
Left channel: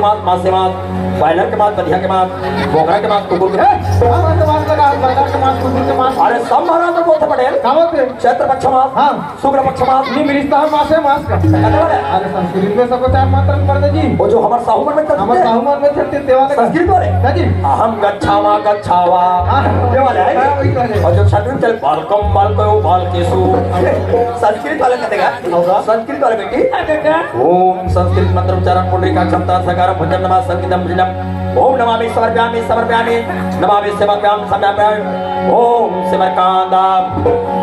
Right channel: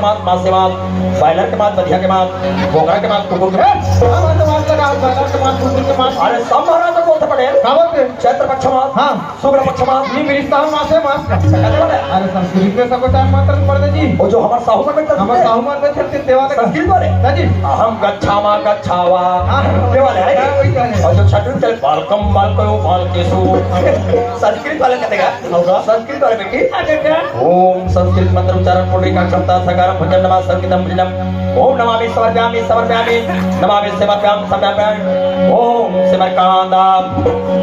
मास बायलर के मास बधिया के मास गोगरा के मास कुकुर के मास अरे सब महाराज तो बोलते पड़े कामो पे चैत्र पक्ष मास हां शुक्ल पक्ष मास नहीं मेरी साहू मास है मास का अरे अरे संस्कृत में सबको टाइम मंत्र पढ़ दे जी वो जो हमारे साहू में हम साहू मान में सबके सेवा का संस्कृत वाले हां जी अहम गच्छामा गच्छावा हां ये वाले है और जो छठवीं चले बालकम बालको बालकेशु संस्कृत वाले कहेगा और संस्कृत वाले बेटी काका ओम संस्कृत मंत्र उच्चारण पुंडरीका क्षमता सकारम भजन नमः संगीतम भजनम ओम नमामि समर्पयामि समर्पयामि नमामि समर्पयामि समर्पयामि ओम सिमरकांदा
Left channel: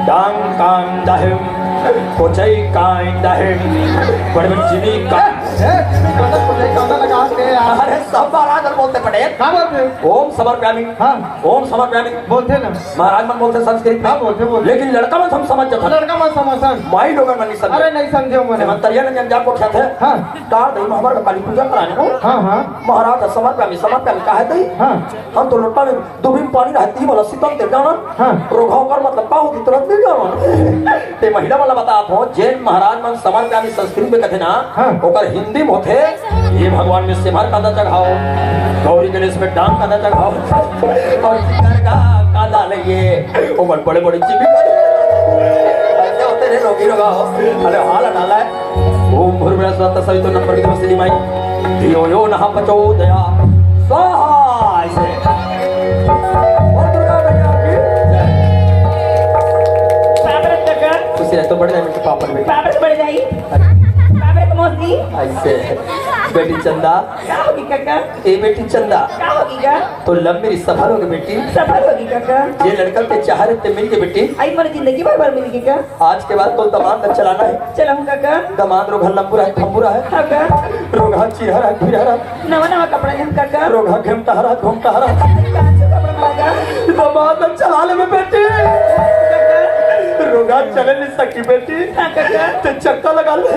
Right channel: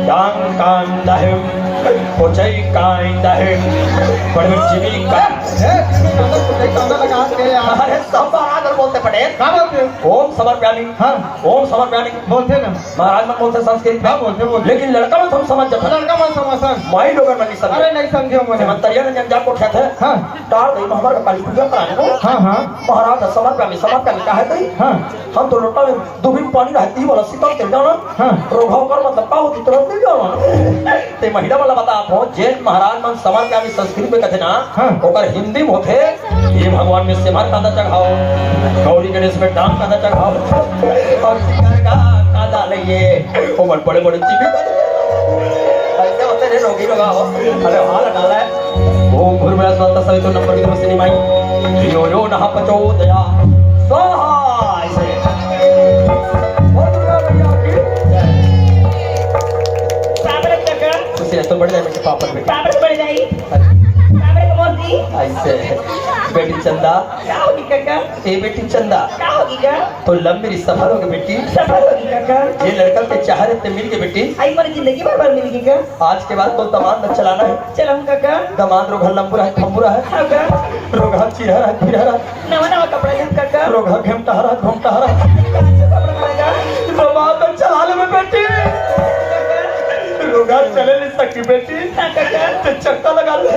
डांकांदहिम कोचै कांदहिम परमिचिमी का अरे सब महाराज बोलते पड़े क्या बोलते ओम समर्पयामि हाँ ओम समर्पयामि बोलते ना महाराज में बोलते संस्कृत हाँ बोलते लेकिन लड़का में हम समझ जाता लड़का मन समझन माई लोग में नहीं समझ अरे नहीं समझे मन मंतरिया ने जब को थे हाँ तार दई हमारा काली पूजा कराने को हाँ हाँ महाराज समर्पयामि कहा दई हाँ हम तो लोटा में दुबिन पानी रहती बोला शीतल ते जाना हाँ रोगाव कर मतलब का होती तुरंत नहीं जाना ते महिला वाला बता हो जैन महाराज मन समर्पयामि संस्कृत में कहते ना हाँ। ओकर हिंदी में होते ये भगवान में सिमर कांदा चढ़ाओ गौरी गणेश में डांग कांदा चढ़ाओ और का कांदा लइए वो बड़े बड़े चिपी ऐसे होते रे रोगी लगाओ अरे हाल डाला है ओम भूर्भुवः स्वः सवितुर् नमः भर्गो धीमहि धियो यो नः प्रचोदयात् स्वाहा ऐसे साबर काका उसे तो बढ़ जाएगा पापड़ में साबर बढ़ जाई साबर को मोदी ऐसे बेटी चंदा क्या होगी काका ए बेटी चंदा क्या होगी का तो लब मेरी सफर होगी बेटी सफल होगी काका ये लड़का के चाहरे ते मिल के बेटी आई मर जिंदगी भर भर मिलेगी का आज के बाद तो दमाद न चलाना है चलो हम काका दमाद रोगा लंबुरा है थम्बुरा है काका रोगा चिरहरा है फिरहरा नवा नवा कपड़े हम काका रोगा घमटहरा घमटहरा काका दमाद न चला ले बेटी रोगा चले नहीं सकती बेटी तो चक्का लगा ले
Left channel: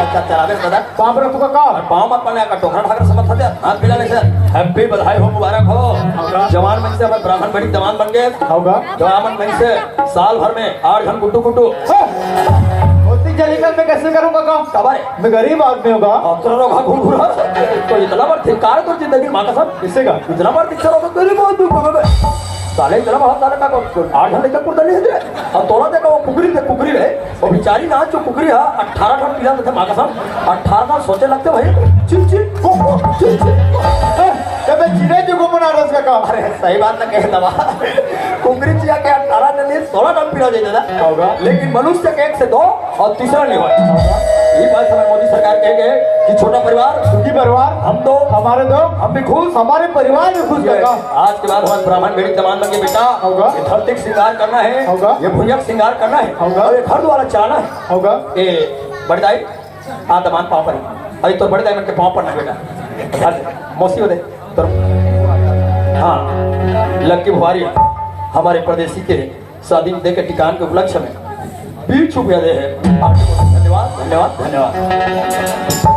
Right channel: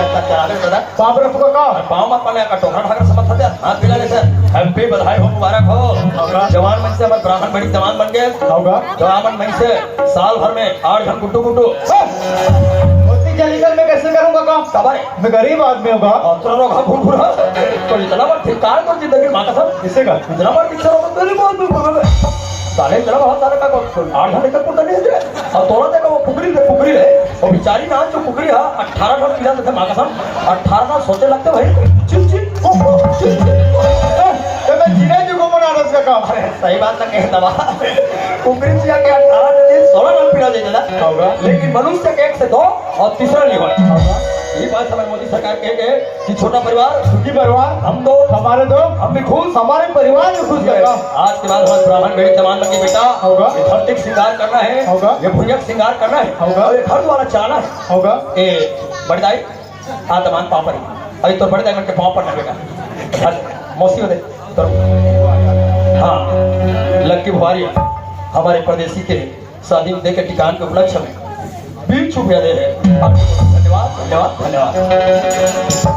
चला दे दादा बाप रे तुका का पाँव मत पड़े का टोकरा ठाकर समझ सकते हाथ मिला नहीं सर हैप्पी बधाई हो मुबारक हो जवान मन से हमारे ब्राह्मण बड़ी जवान बन गए होगा जवान मन से साल भर में 8 घंटे गुड्डू गुड्डू होती जलीकल मैं कैसे करूंगा काम कब है मैं गरीब आदमी होगा अब तो रोगा घूर घूर तो इतना बार धिक्कार कर जिंदगी माँ का सब किसे का इतना बार पिक्चर होगा तो नहीं बोल साले इतना बहुत सारा का 8 घंटे तक पड़ता नहीं है अब तोला देखा वो पुकरी है और बेचारी ना जो पुकरी है 18 साल पीला थे माँ का सब 18 साल सोचे लगते भाई चिल चिल तो मैं जीना जो को बना रहा उसका काम अरे सही बात ना कहे दवा कुकरी चिया के 18 ने 16 साल पीला दे देना होगा लेकिन मनुष्य के 1 से 2 और तीसरा नहीं होगा ये बात समय मोदी सरकार कहेंगे कि छोटा परिवार सुखी परिवार हम दो हमारे दो हम भी खुश हमारे परिवार में खुश रहेगा। आज के बाद हमारे ब्राह्मण बेड़ी जमान लगे बेटा होगा। ये धरती का श्रृंगार करना है होगा। ये भुजक श्रृंगार करना है होगा। और ये घर द्वारा चाहना है होगा। ए बड़दाई हाँ दमान पाँव पर अभी तो बड़दाई में के पाँव पर लगेगा मौसी हो दे तो हाँ लक्की बुहारिया हमारे प्रदेशी के स्वाधीन दे के टिकान के उपलक्ष्य में 20 रुपया दे रहे हैं आपको धन्यवाद धन्यवाद धन्यवाद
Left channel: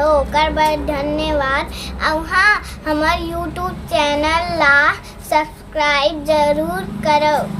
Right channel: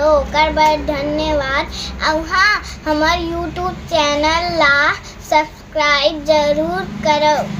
ओकर बर धन्यवाद। और हाँ, हमार यूट्यूब चैनल ला सब्सक्राइब जरूर करो।